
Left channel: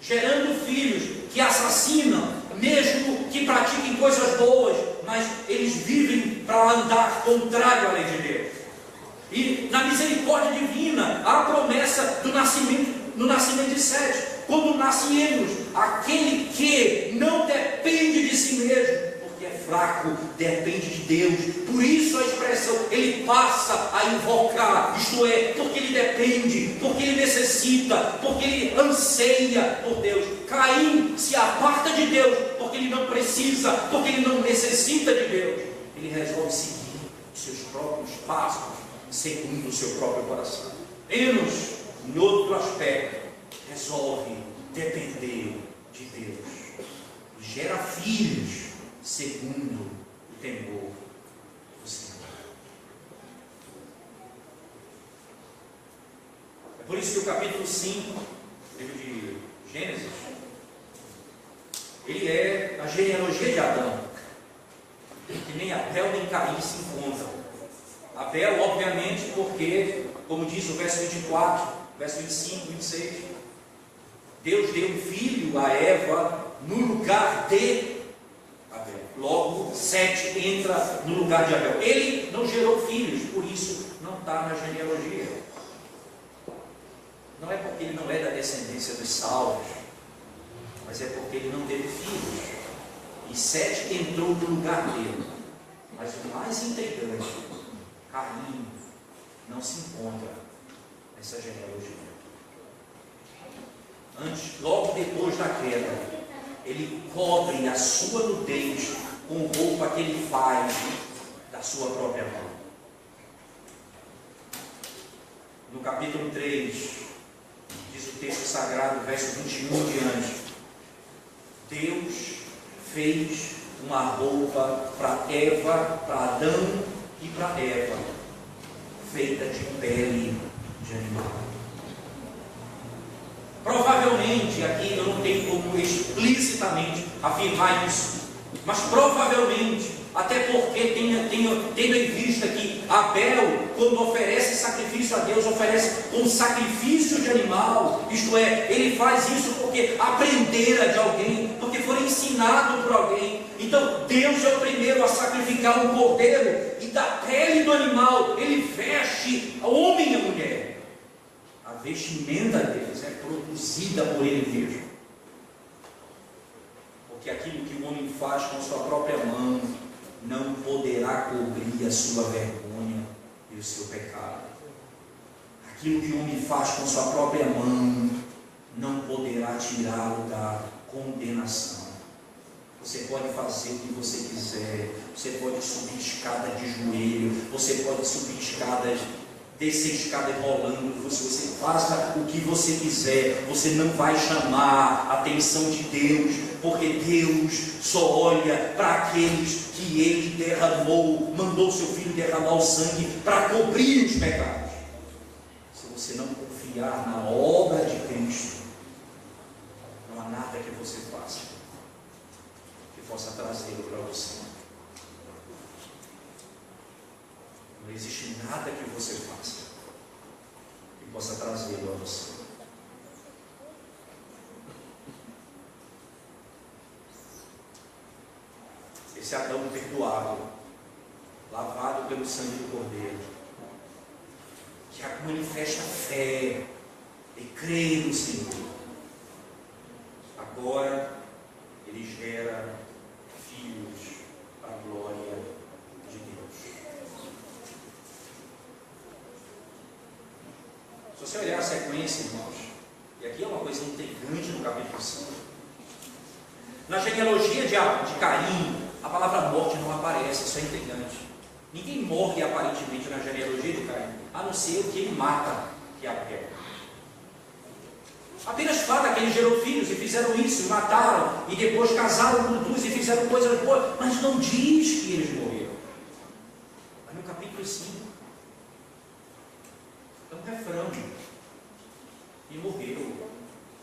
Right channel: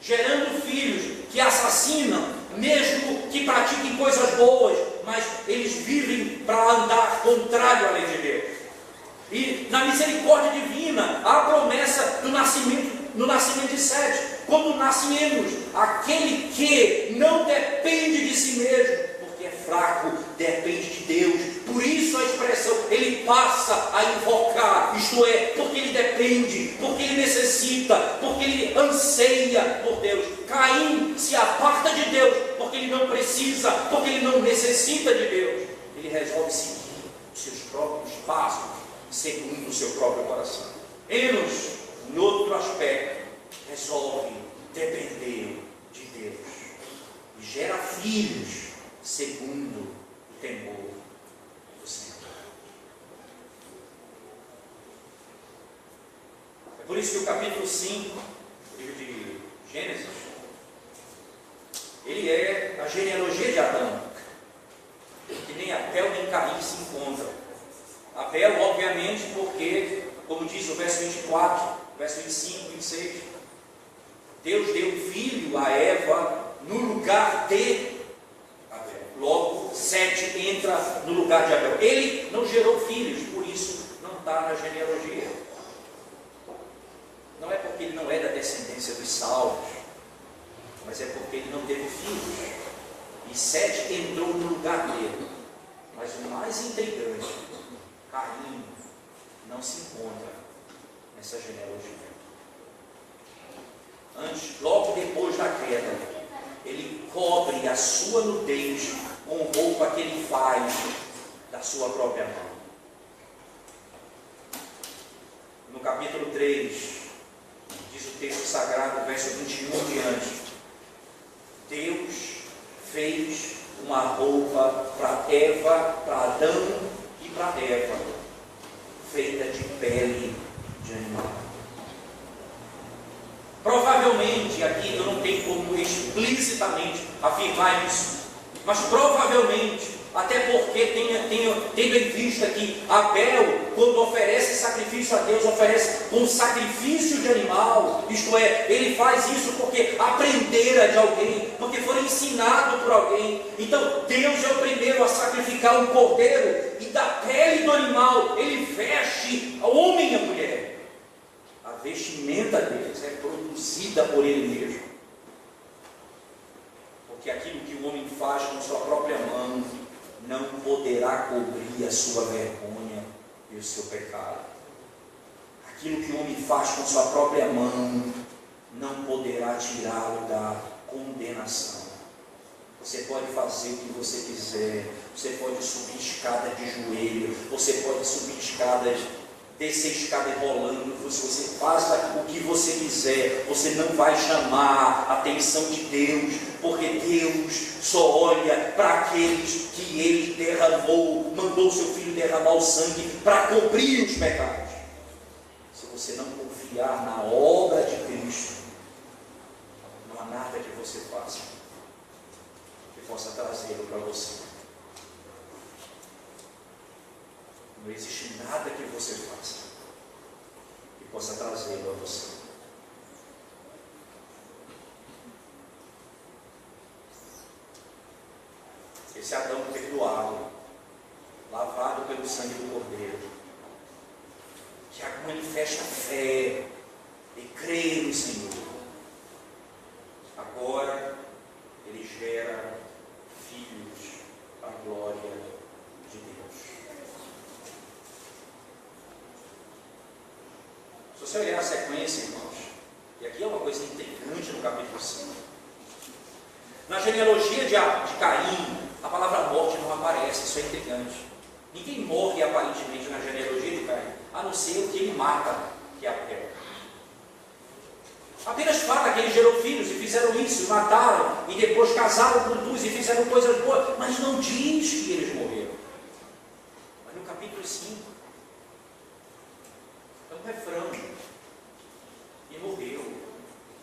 gerando filhos que assassinam, mesmo que pratiquem coisas boas, mas eles vivem para andar contrário à lei de Deus. E na misericórdia divina há a promessa do nascimento, no nascimento de Sete, quando nasce Enos, aquele que não depende de si mesmo, porque é fraco, depende de Deus. Por isso a expressão, ele passa a invocar, isto é, porque ele depende, porque ele necessita, porque ele anseia por Deus. Caim se aparta de Deus, porque ele não precisa, porque ele não necessita de Deus. Ele resolve seguir os seus próprios passos, segundo o seu próprio coração. Enos, em outro aspecto, resolve depender de Deus e gera filhos segundo o temor do Senhor. É por isso que o capítulo 5 do livro de Gênesis, ele é a genealogia de Adão, que nem Abel nem Caim se encontram. Abel, obviamente, porque, como diz o verso 24, verso 25, 26, Deus deu um filho a Eva no lugar de Abel. Logo, Sete entra no lugar de Abel. Ele não gerou filhos, por isso não está na genealogia. Não é porque ele não é da descendência dos salvos, mas é porque ele não teve filhos. E Sete entrou no lugar dele. Mas o mais intrigante, Caim não se encontra nessa genealogia. Antes, logo depois da queda, ele cobre a sua nudez com roupa que ele faz da sua própria mão. No capítulo 3, diz o texto sagrado, verso 21 em diante, Deus fez uma roupa para Eva, para Adão e para Eva, feita de pele de animal. Provavelmente provavelmente, aqui eu não tenho como explicitamente afirmar isso, mas provavelmente, até porque tendo em vista que Abel, quando oferece sacrifício a Deus, oferece um sacrifício de animal, isto é, ele faz isso porque aprendera de alguém, porque foi ensinado por alguém. Então Deus é o primeiro a sacrificar um cordeiro, e da pele do animal ele veste o homem e a mulher. A vestimenta deles é produzida por ele mesmo, porque aquilo que o homem faz com sua própria mão não poderá cobrir a sua vergonha e o seu pecado. Aquilo que o homem faz com sua própria mão não poderá tirá-lo da condenação. Você pode fazer o que você quiser, você pode subir escada de joelho, você pode subir escadas, descer escadas rolando, se você faça o que você quiser, você não vai chamar a atenção de Deus, porque Deus só olha para aqueles que Ele derramou, mandou seu Filho derramar o sangue para cobrir os pecados. Se você não confiar na obra de Cristo, não há nada que você faça que possa trazê-lo para você. Não existe nada que você faça que possa trazê-lo a você. Esse Adão perdoado, lavado pelo sangue do Cordeiro, que manifesta fé e crê no Senhor, agora ele gera filhos para a glória de Deus. Se você olhar a sequência, irmãos, e aqui é uma coisa integrante no capítulo 5, na genealogia de Caim, a palavra morte não aparece, isso é intrigante. Ninguém morre aparentemente na genealogia de Caim, a não ser o que ele mata, que é Abel. Apenas fala que ele gerou filhos e fizeram isso, mataram, e depois casaram com duas e fizeram coisas boas, mas não diz que eles morreram. Mas no capítulo 5, é um refrão. E morreu,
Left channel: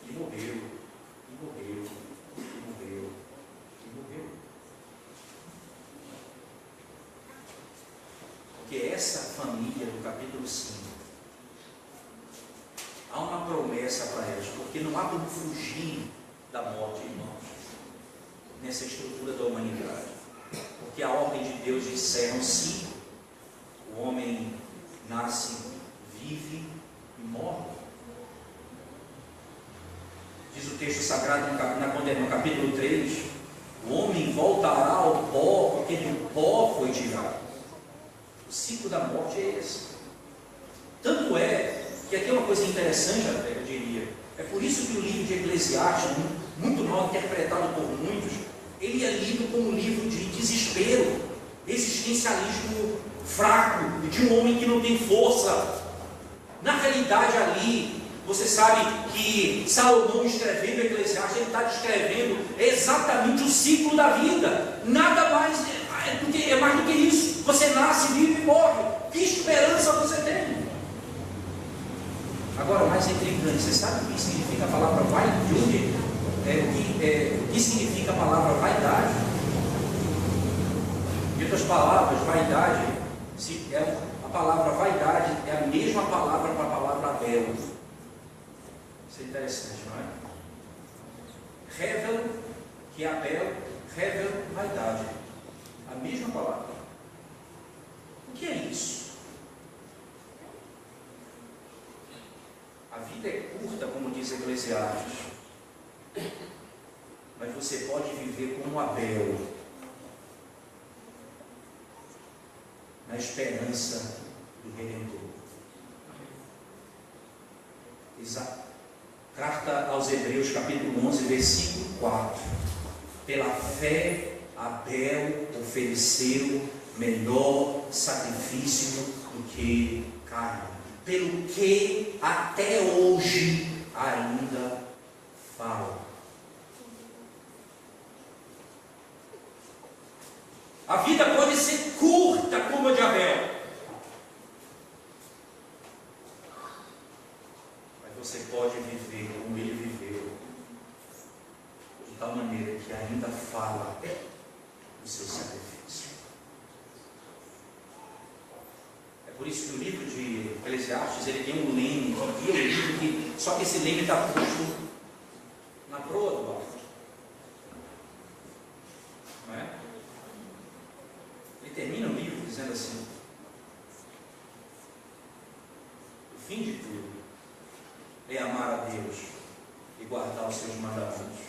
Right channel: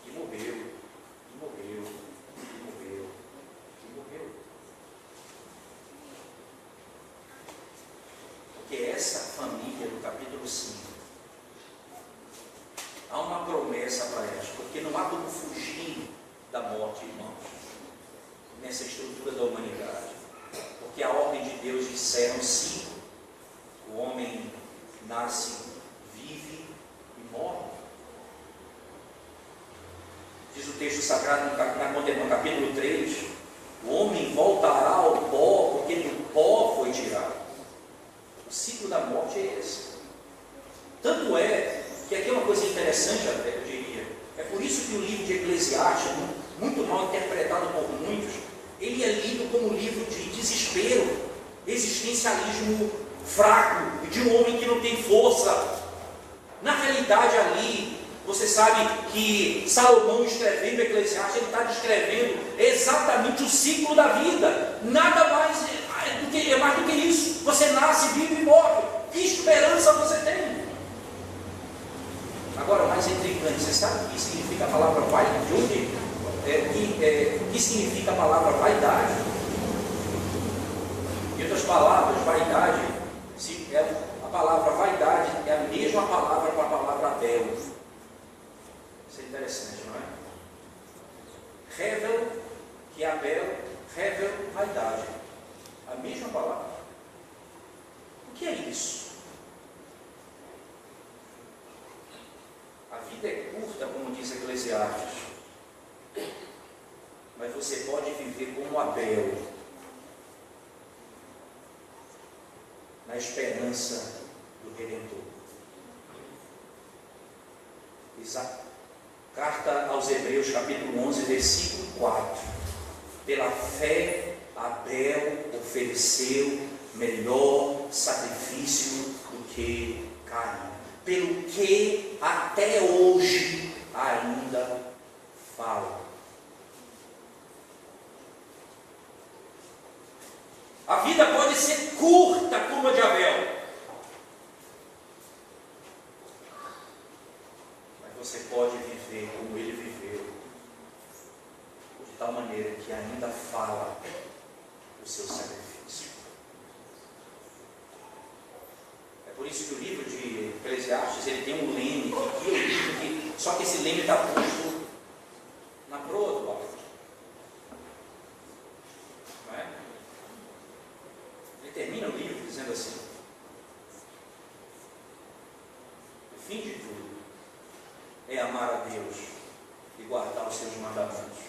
e morreu, e morreu, e morreu, e morreu. Porque essa família do capítulo 5, há uma promessa para elas, porque não há como fugir da morte, irmãos, nessa estrutura da humanidade. Porque a ordem de Deus disseram sim, o homem nasce, vive e morre. Diz o texto sagrado no capítulo 3, o homem voltará ao pó, porque do pó foi tirado. O ciclo da morte é esse. Tanto é que aqui é uma coisa interessante, eu diria. É por isso que o livro de Eclesiastes, muito mal interpretado por muitos, ele é lido como um livro de desespero, existencialismo fraco, de um homem que não tem força. Na realidade ali, você sabe que Salomão, escrevendo Eclesiastes, ele está descrevendo exatamente o ciclo da vida. Nada mais é mais do que isso. Você nasce, vive e morre. Que esperança você tem? Agora, o mais intrigante, você sabe o que significa a palavra vaidade? O que significa a palavra vaidade? Em outras palavras, vaidade, a palavra vaidade é a mesma palavra para a palavra Abel. Isso é interessante, não é? Revel, que é Abel, revel, vaidade. A mesma palavra. O que é isso? A vida é curta, como diz Eclesiastes, mas você pode viver como Abel, na esperança do Redentor. Exato. Carta aos Hebreus, capítulo 11, versículo 4. Pela fé, Abel ofereceu melhor sacrifício do que Caim, pelo que até hoje ainda fala. A vida pode ser curta como a de Abel, mas você pode viver como ele viveu. tal maneira que ainda fala do seu sacrifício. É por isso que o livro de Eclesiastes, ele tem um leme que guia o livro, só que esse leme está posto na proa do barco. Não é? Ele termina o livro dizendo assim: o fim de tudo é amar a Deus e guardar os seus mandamentos.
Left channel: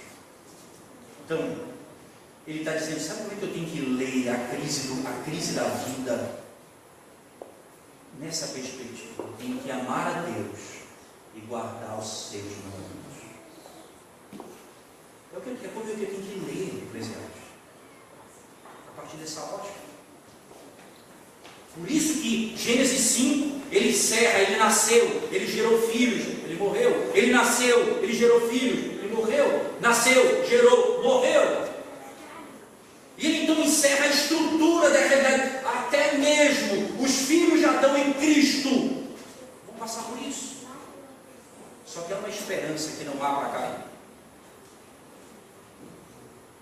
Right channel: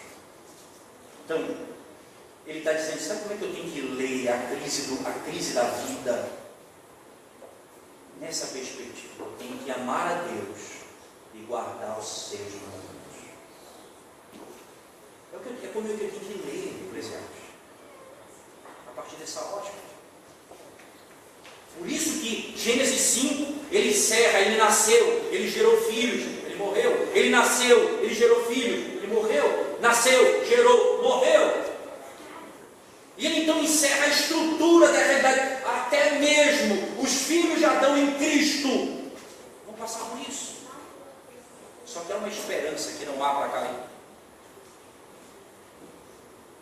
Então, ele está dizendo: sabe como é que eu tenho que ler a crise da vida? Nessa perspectiva, eu tenho que amar a Deus e guardar os seus mandamentos. É como eu tenho que ler o Eclesiastes, a partir dessa ótica. Por isso que Gênesis 5, ele encerra: ele nasceu, ele gerou filhos, ele morreu. Ele nasceu, ele gerou filhos, ele morreu. Nasceu, gerou, morreu. E ele então encerra a estrutura da realidade. Até mesmo os filhos de Adão em Cristo vão passar por isso. Só que há uma esperança que não há para cair.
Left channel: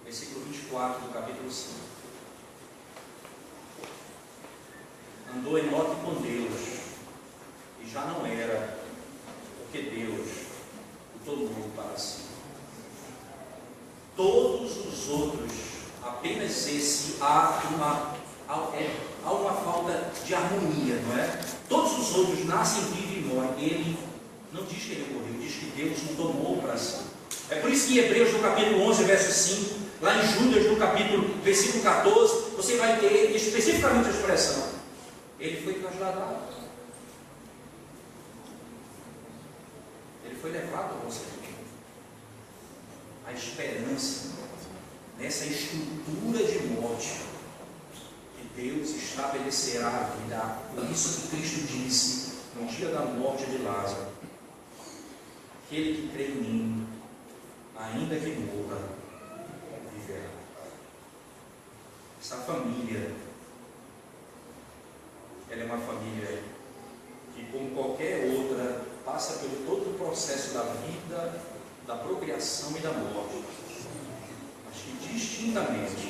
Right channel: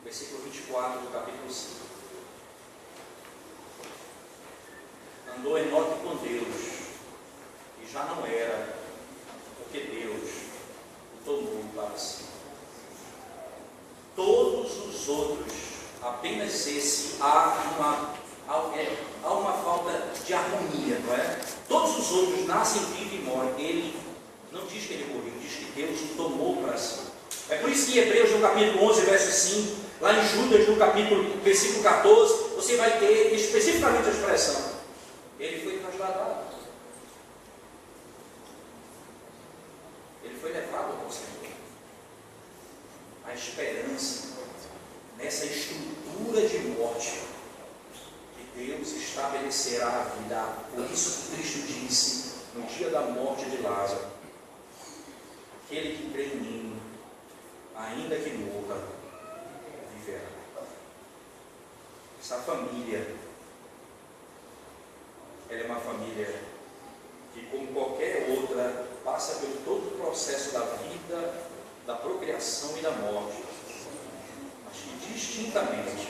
Versículo 24 do capítulo 5. Andou Enoque com Deus, e já não era, porque Deus o tomou para si. Todos os outros, apenas esse, há uma falta de harmonia, não é? Todos os outros nascem, vivem e morrem. Ele não diz que ele morreu, diz que Deus o tomou para si. É por isso que em Hebreus, no capítulo 11, verso 5, lá em Judas, no capítulo, versículo 14, você vai ter especificamente a expressão: ele foi trasladado, ele foi levado ao conselho. A esperança nessa estrutura de morte que Deus estabelecerá a vida. Por isso que Cristo disse no dia da morte de Lázaro: aquele que crê em mim, ainda que morra, viverá. Essa família, ela é uma família que, como qualquer outra, passa pelo todo o processo da vida, da procriação e da morte, mas que distintamente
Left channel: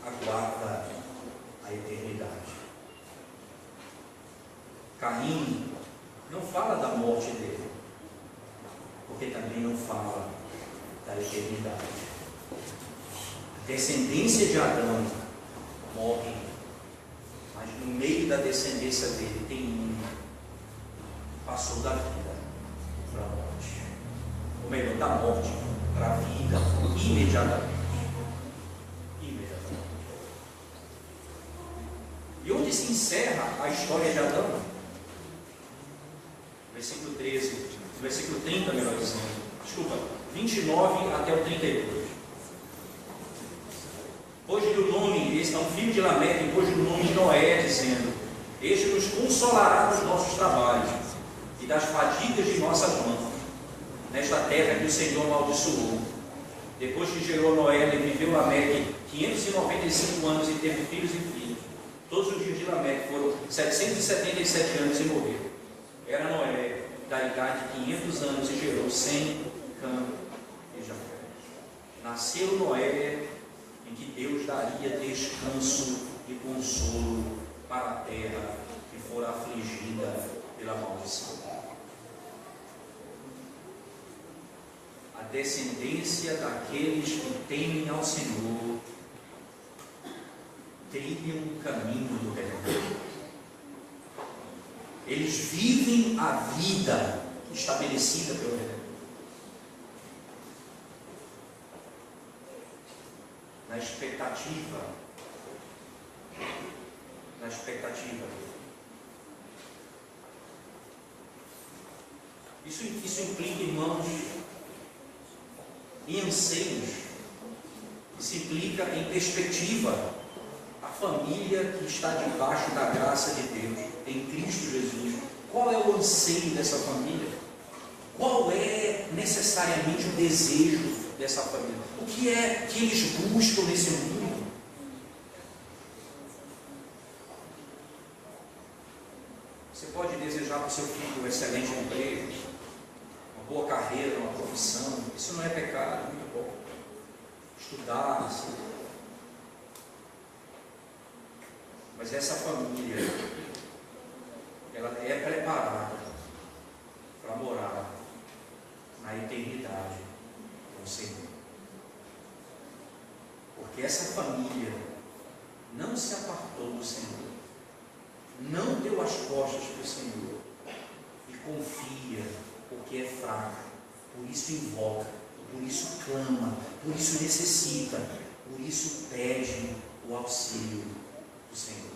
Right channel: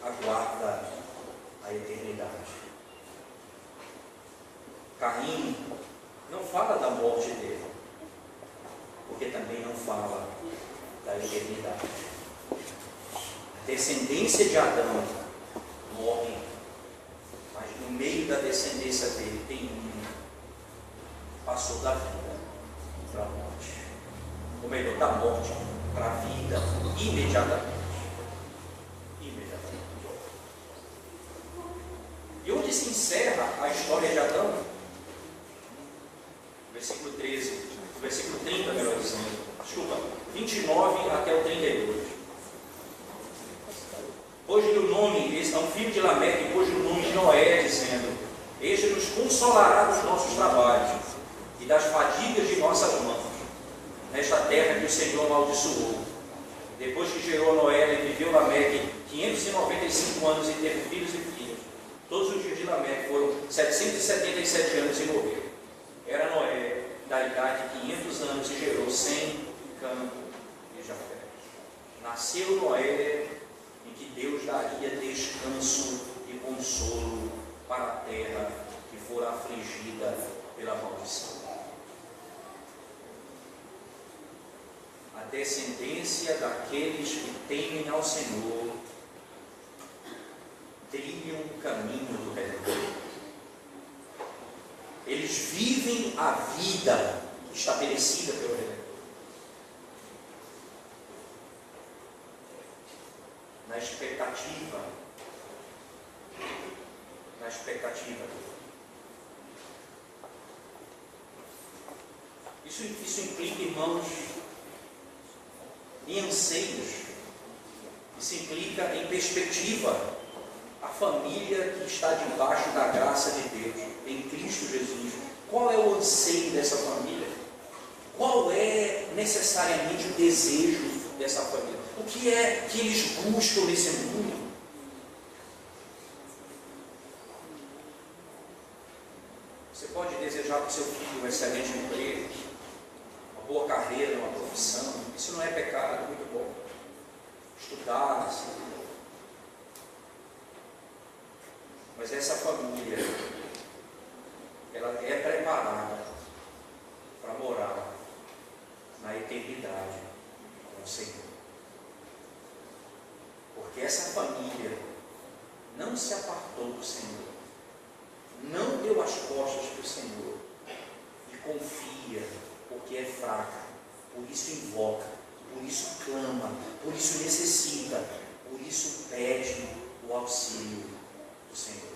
aguarda a eternidade. Caim não fala da morte dele, porque também não fala da eternidade. A descendência de Adão morre, mas no meio da descendência dele tem um passou da vida para a morte, ou melhor, da morte para a vida, imediatamente. E onde se encerra a história de Adão? Versículo 13, versículo 30, melhor dizendo, 29 até o 32. Pôs-lhe o nome, esse é um filho de Lameque, pôs-lhe o nome de Noé, dizendo: este nos consolará dos nossos trabalhos e das fadigas de nossas mãos, nesta terra que o Senhor amaldiçoou. Depois que gerou Noé, ele viveu Lameque 595 anos e teve filhos e filhas. Todos os dias de Lameque foram 777 anos e morreu. Era Noé da idade de 500 anos e gerou Sem, Cã e Jafé. Nasceu Noé em que Deus daria descanso e consolo para a terra que fora afligida pela maldição. A descendência daqueles que temem ao Senhor trilham o caminho do Redentor. Eles vivem a vida estabelecida pelo Redentor. Na expectativa. Isso implica, irmãos, em anseios. Isso implica em perspectiva. A família que está debaixo da graça de Deus, em Cristo Jesus. Qual é o anseio dessa família? Qual é necessariamente o desejo dessa família? O que é que eles buscam nesse mundo? Você pode desejar para o seu filho um excelente emprego, uma boa carreira, uma profissão. Isso não é pecado, muito bom. estudasse. Mas essa família, ela é preparada para morar na eternidade com o Senhor. Porque essa família não se apartou do Senhor, não deu as costas para o Senhor e confia, porque é fraca, por isso invoca, por isso clama, por isso necessita, por isso pede o auxílio do Senhor.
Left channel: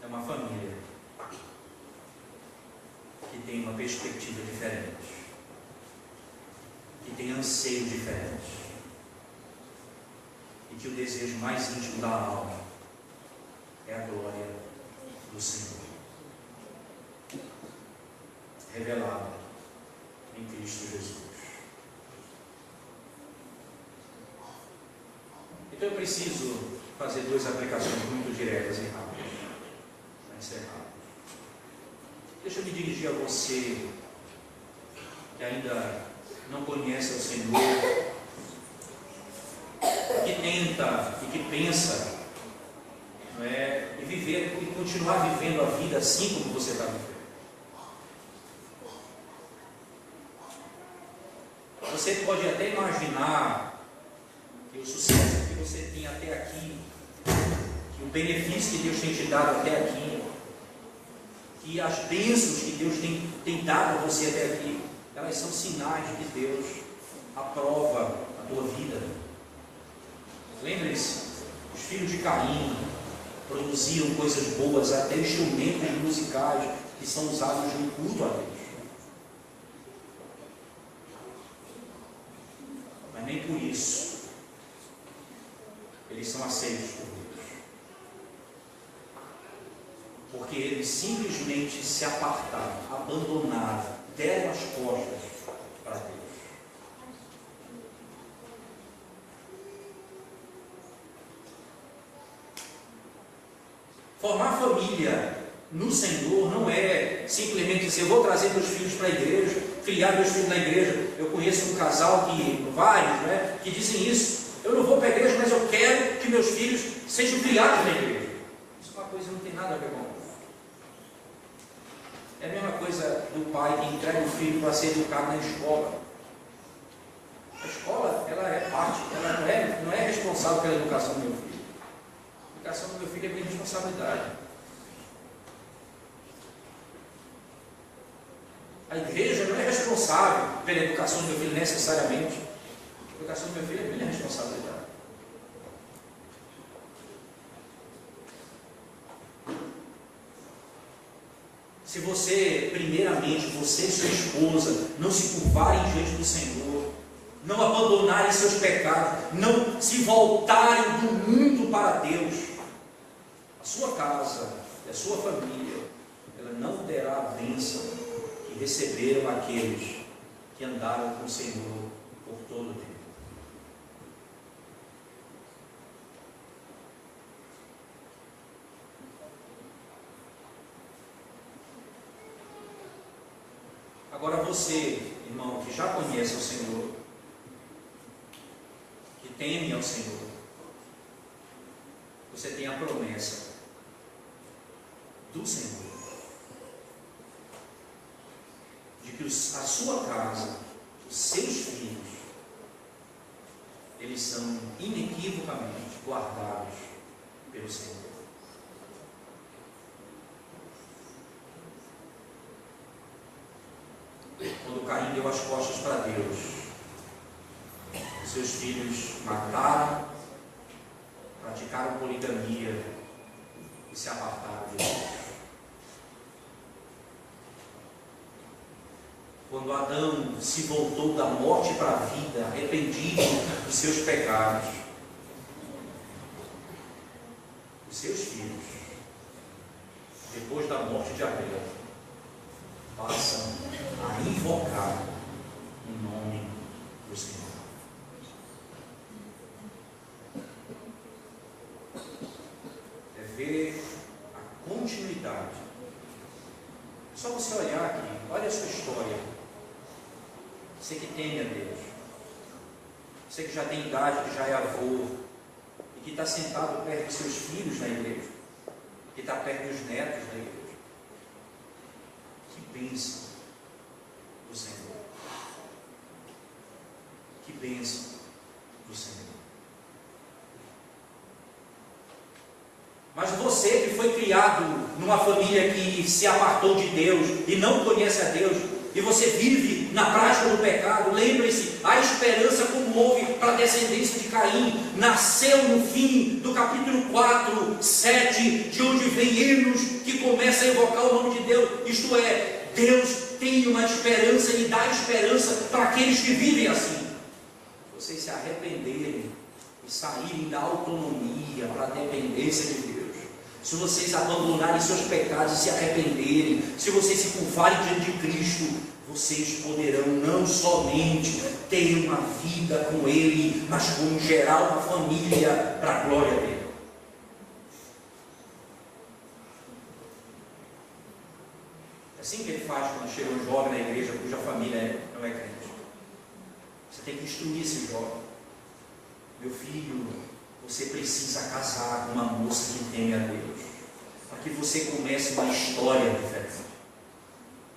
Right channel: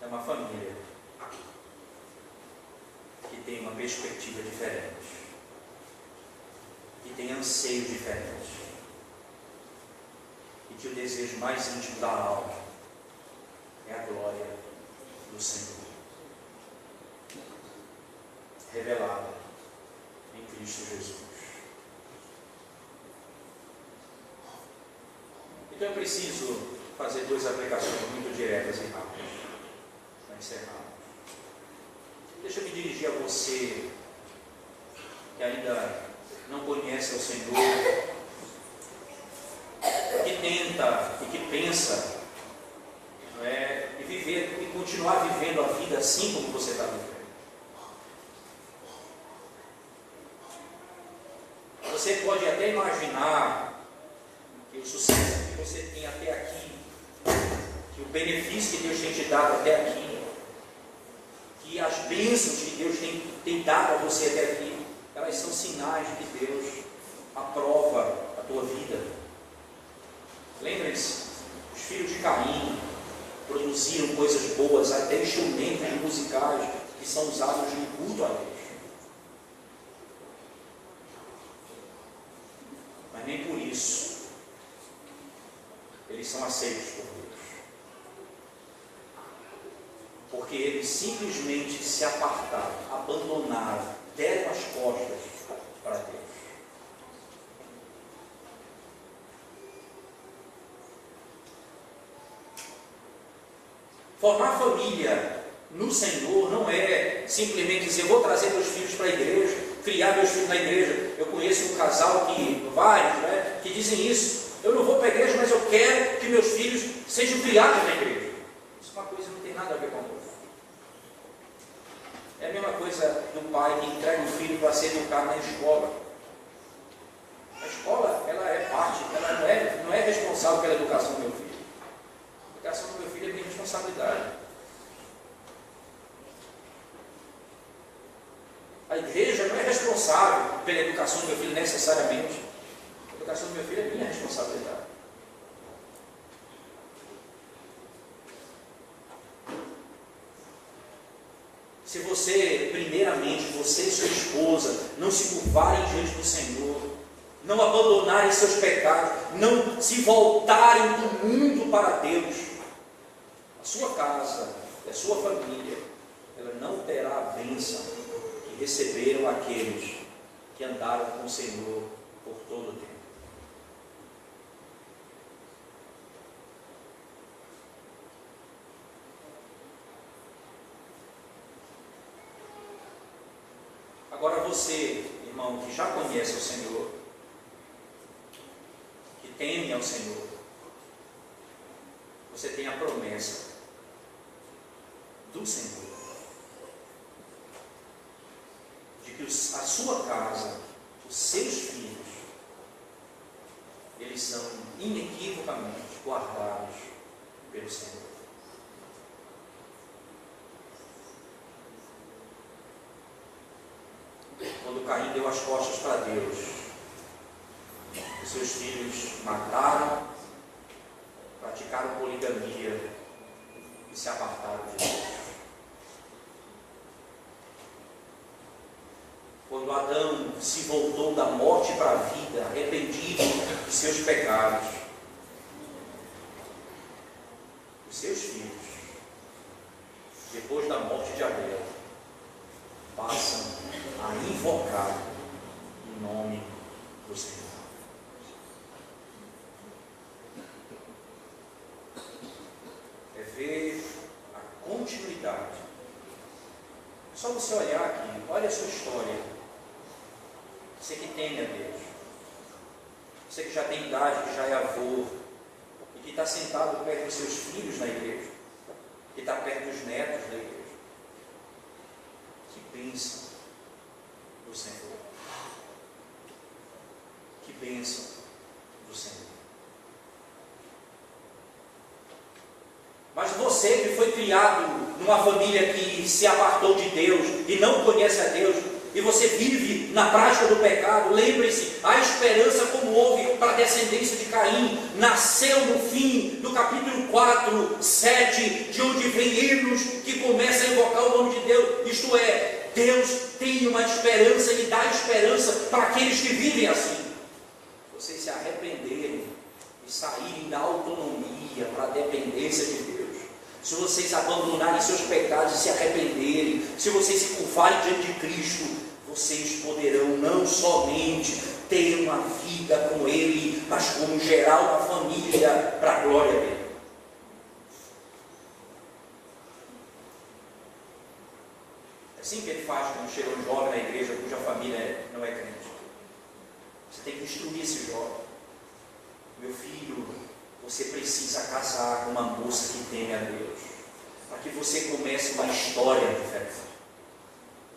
É uma família que tem uma perspectiva diferente, que tem anseio diferente, e que o desejo mais íntimo da alma é a glória do Senhor, revelada em Cristo Jesus. Então eu preciso fazer duas aplicações muito diretas e rápidas para encerrar. Deixa eu me dirigir a você que ainda não conhece o Senhor, que tenta e que pensa, não é, e viver e continuar vivendo a vida assim como você está vivendo. Você pode até imaginar que o sucesso que você tem até aqui, que o benefício que Deus tem te dado até aqui, que as bênçãos que Deus tem dado a você até aqui, elas são sinais de que Deus aprova a tua vida. Lembrem-se, os filhos de Caim produziram coisas boas, até instrumentos musicais que são usados no culto a Deus. Mas nem por isso eles são aceitos por Deus. Porque eles simplesmente se apartaram, abandonaram, deram as costas para Deus. Formar família no Senhor não é simplesmente dizer, eu vou trazer meus filhos para a igreja, criar meus filhos na igreja. Eu conheço um casal, vários, né, que dizem isso. Eu não vou para a igreja, mas eu quero que meus filhos sejam criados na igreja. Isso é uma coisa que não tem nada a ver com isso. É a mesma coisa do pai que entrega o filho para ser educado na escola. A escola, ela é parte, ela não é responsável pela educação do meu filho. A educação do meu filho é minha responsabilidade. A igreja não é responsável pela educação do meu filho necessariamente. A educação do meu filho é minha responsabilidade. Se você, primeiramente, você e sua esposa, não se curvarem diante do Senhor, não abandonarem seus pecados, não se voltarem do mundo para Deus, a sua casa, a sua família, ela não terá a bênção que receberam aqueles que andaram com o Senhor por todo o tempo. Agora você, irmão, que já conhece o Senhor, que teme ao Senhor, você tem a promessa do Senhor de que a sua casa, os seus filhos, eles são inequivocamente guardados pelo Senhor. Quando Caim deu as costas para Deus, os seus filhos mataram, praticaram poligamia e se apartaram de Deus. Quando Adão se voltou da morte para a vida, arrependido dos seus pecados, os seus filhos, depois da morte de Abel, passam a invocar o nome do Senhor. É ver a continuidade. Só você olhar aqui, olha a sua história. Você que teme a Deus. Você que já tem idade, que já é avô, e que está sentado perto dos seus filhos na igreja, que está perto dos netos da igreja. Que bênção do Senhor. Que bênção do Senhor. Mas você que foi criado numa família que se apartou de Deus e não conhece a Deus, e você vive na prática do pecado, lembre-se, a esperança como houve para a descendência de Caim, nasceu no fim do capítulo 4, 7, de onde vem hinos que começa a invocar o nome de Deus, isto é, Deus tem uma esperança e dá esperança para aqueles que vivem assim. Vocês se arrependerem e saírem da autonomia para a dependência de Deus, se vocês abandonarem seus pecados e se arrependerem, se vocês se curvarem diante de Cristo, vocês poderão não somente ter uma vida com Ele, mas como gerar uma família para a glória dele. É assim que ele faz quando chega um jovem na igreja cuja família não é crente. Você tem que instruir esse jovem. Meu filho, você precisa casar com uma moça que teme a Deus, para que você comece uma história diferente.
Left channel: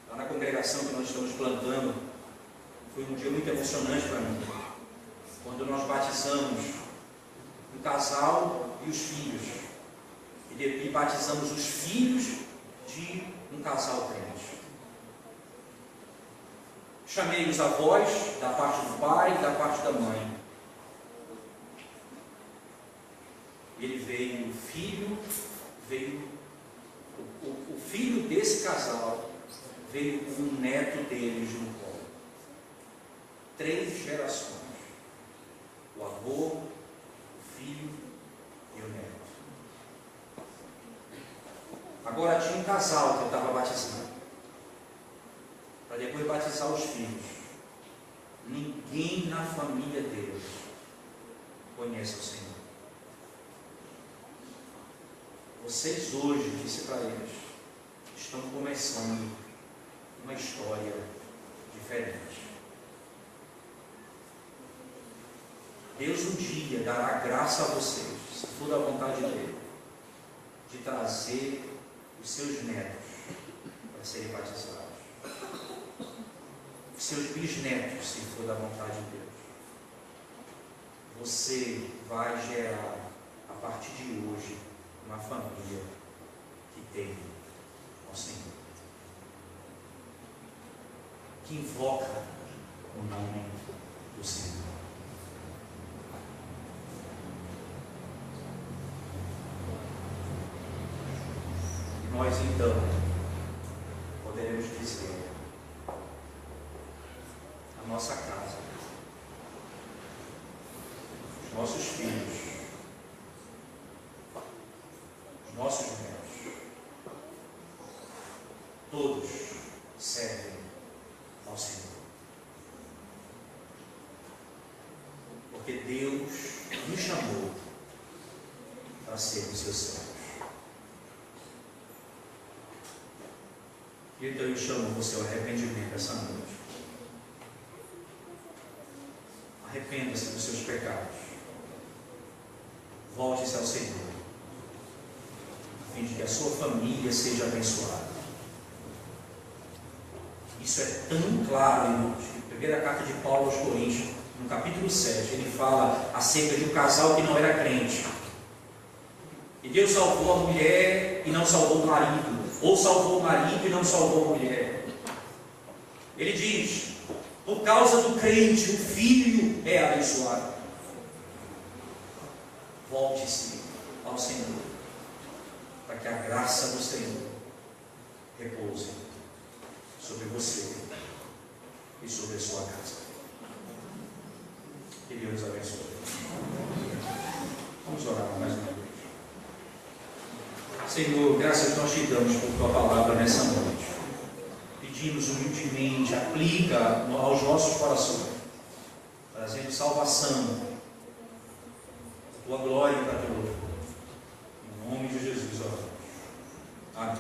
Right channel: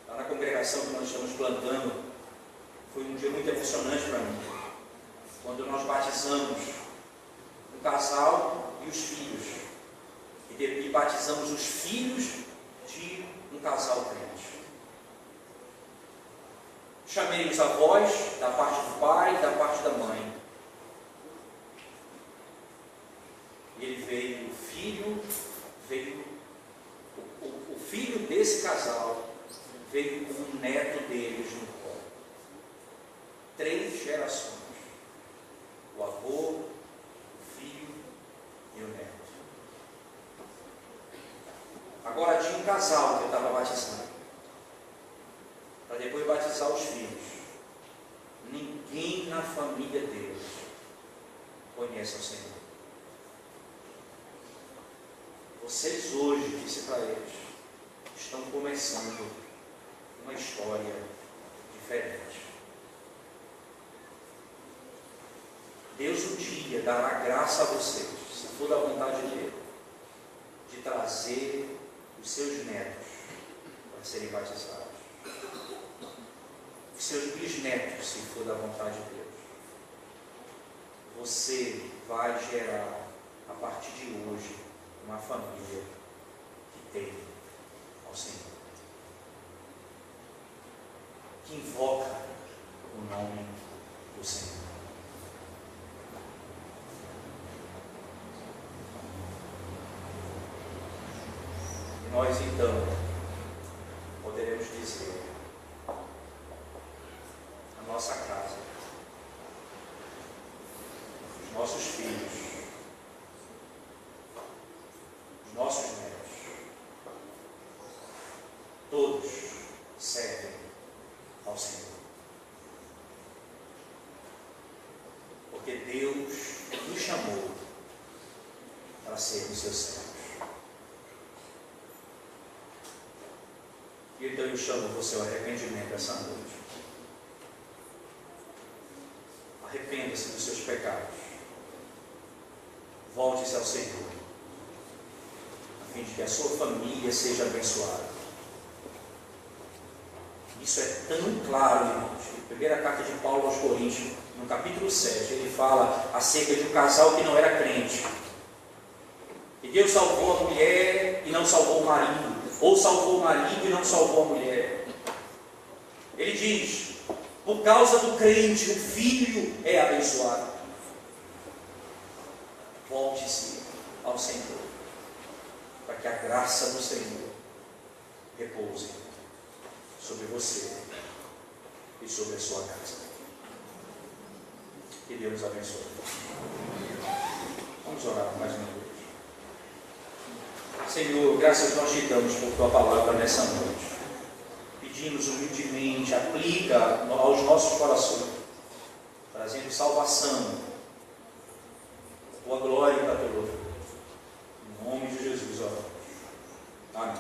Lá na congregação que nós estamos plantando, foi um dia muito emocionante para mim, quando nós batizamos o casal e os filhos, e batizamos os filhos de um casal crente. Chamei os avós, da parte do pai e da parte da mãe. Ele veio, o filho desse casal veio com o neto deles no colo. 3 gerações. O avô, o filho e o neto. Agora tinha um casal que eu estava batizando, para depois batizar os filhos. Ninguém na família deles conhece o Senhor. Vocês hoje, disse para eles, estão começando uma história diferente. Deus um dia dará graça a vocês, se for da vontade dele, de trazer os seus netos para serem batizados. Os seus bisnetos, se for da vontade de Deus. Você vai gerar, a partir de hoje, uma família que tem ao Senhor, que invoca o nome do Senhor. E nós então poderemos dizer: a nossa casa, os nossos filhos, nossos netos, todos servem ao Senhor. Porque Deus nos chamou para sermos seus servos. Então eu chamo você ao arrependimento essa noite. Arrependa-se dos seus pecados. Volte-se ao Senhor, a fim de que a sua família seja abençoada. Isso é tão claro, irmãos. Na primeira carta de Paulo aos Coríntios, no capítulo 7, ele fala acerca de um casal que não era crente. E Deus salvou a mulher e não salvou o marido, ou salvou o marido e não salvou a mulher. Ele diz: por causa do crente, o filho é abençoado. Volte-se ao Senhor, para que a graça do Senhor repouse sobre você e sobre a sua casa. Que Deus nos abençoe. Vamos orar mais uma vez. Senhor, graças nós te damos por tua palavra nessa noite. Pedimos humildemente, aplica aos nossos corações, trazendo salvação, tua glória e para teu louvor. Em nome de Jesus, oramos. Amém.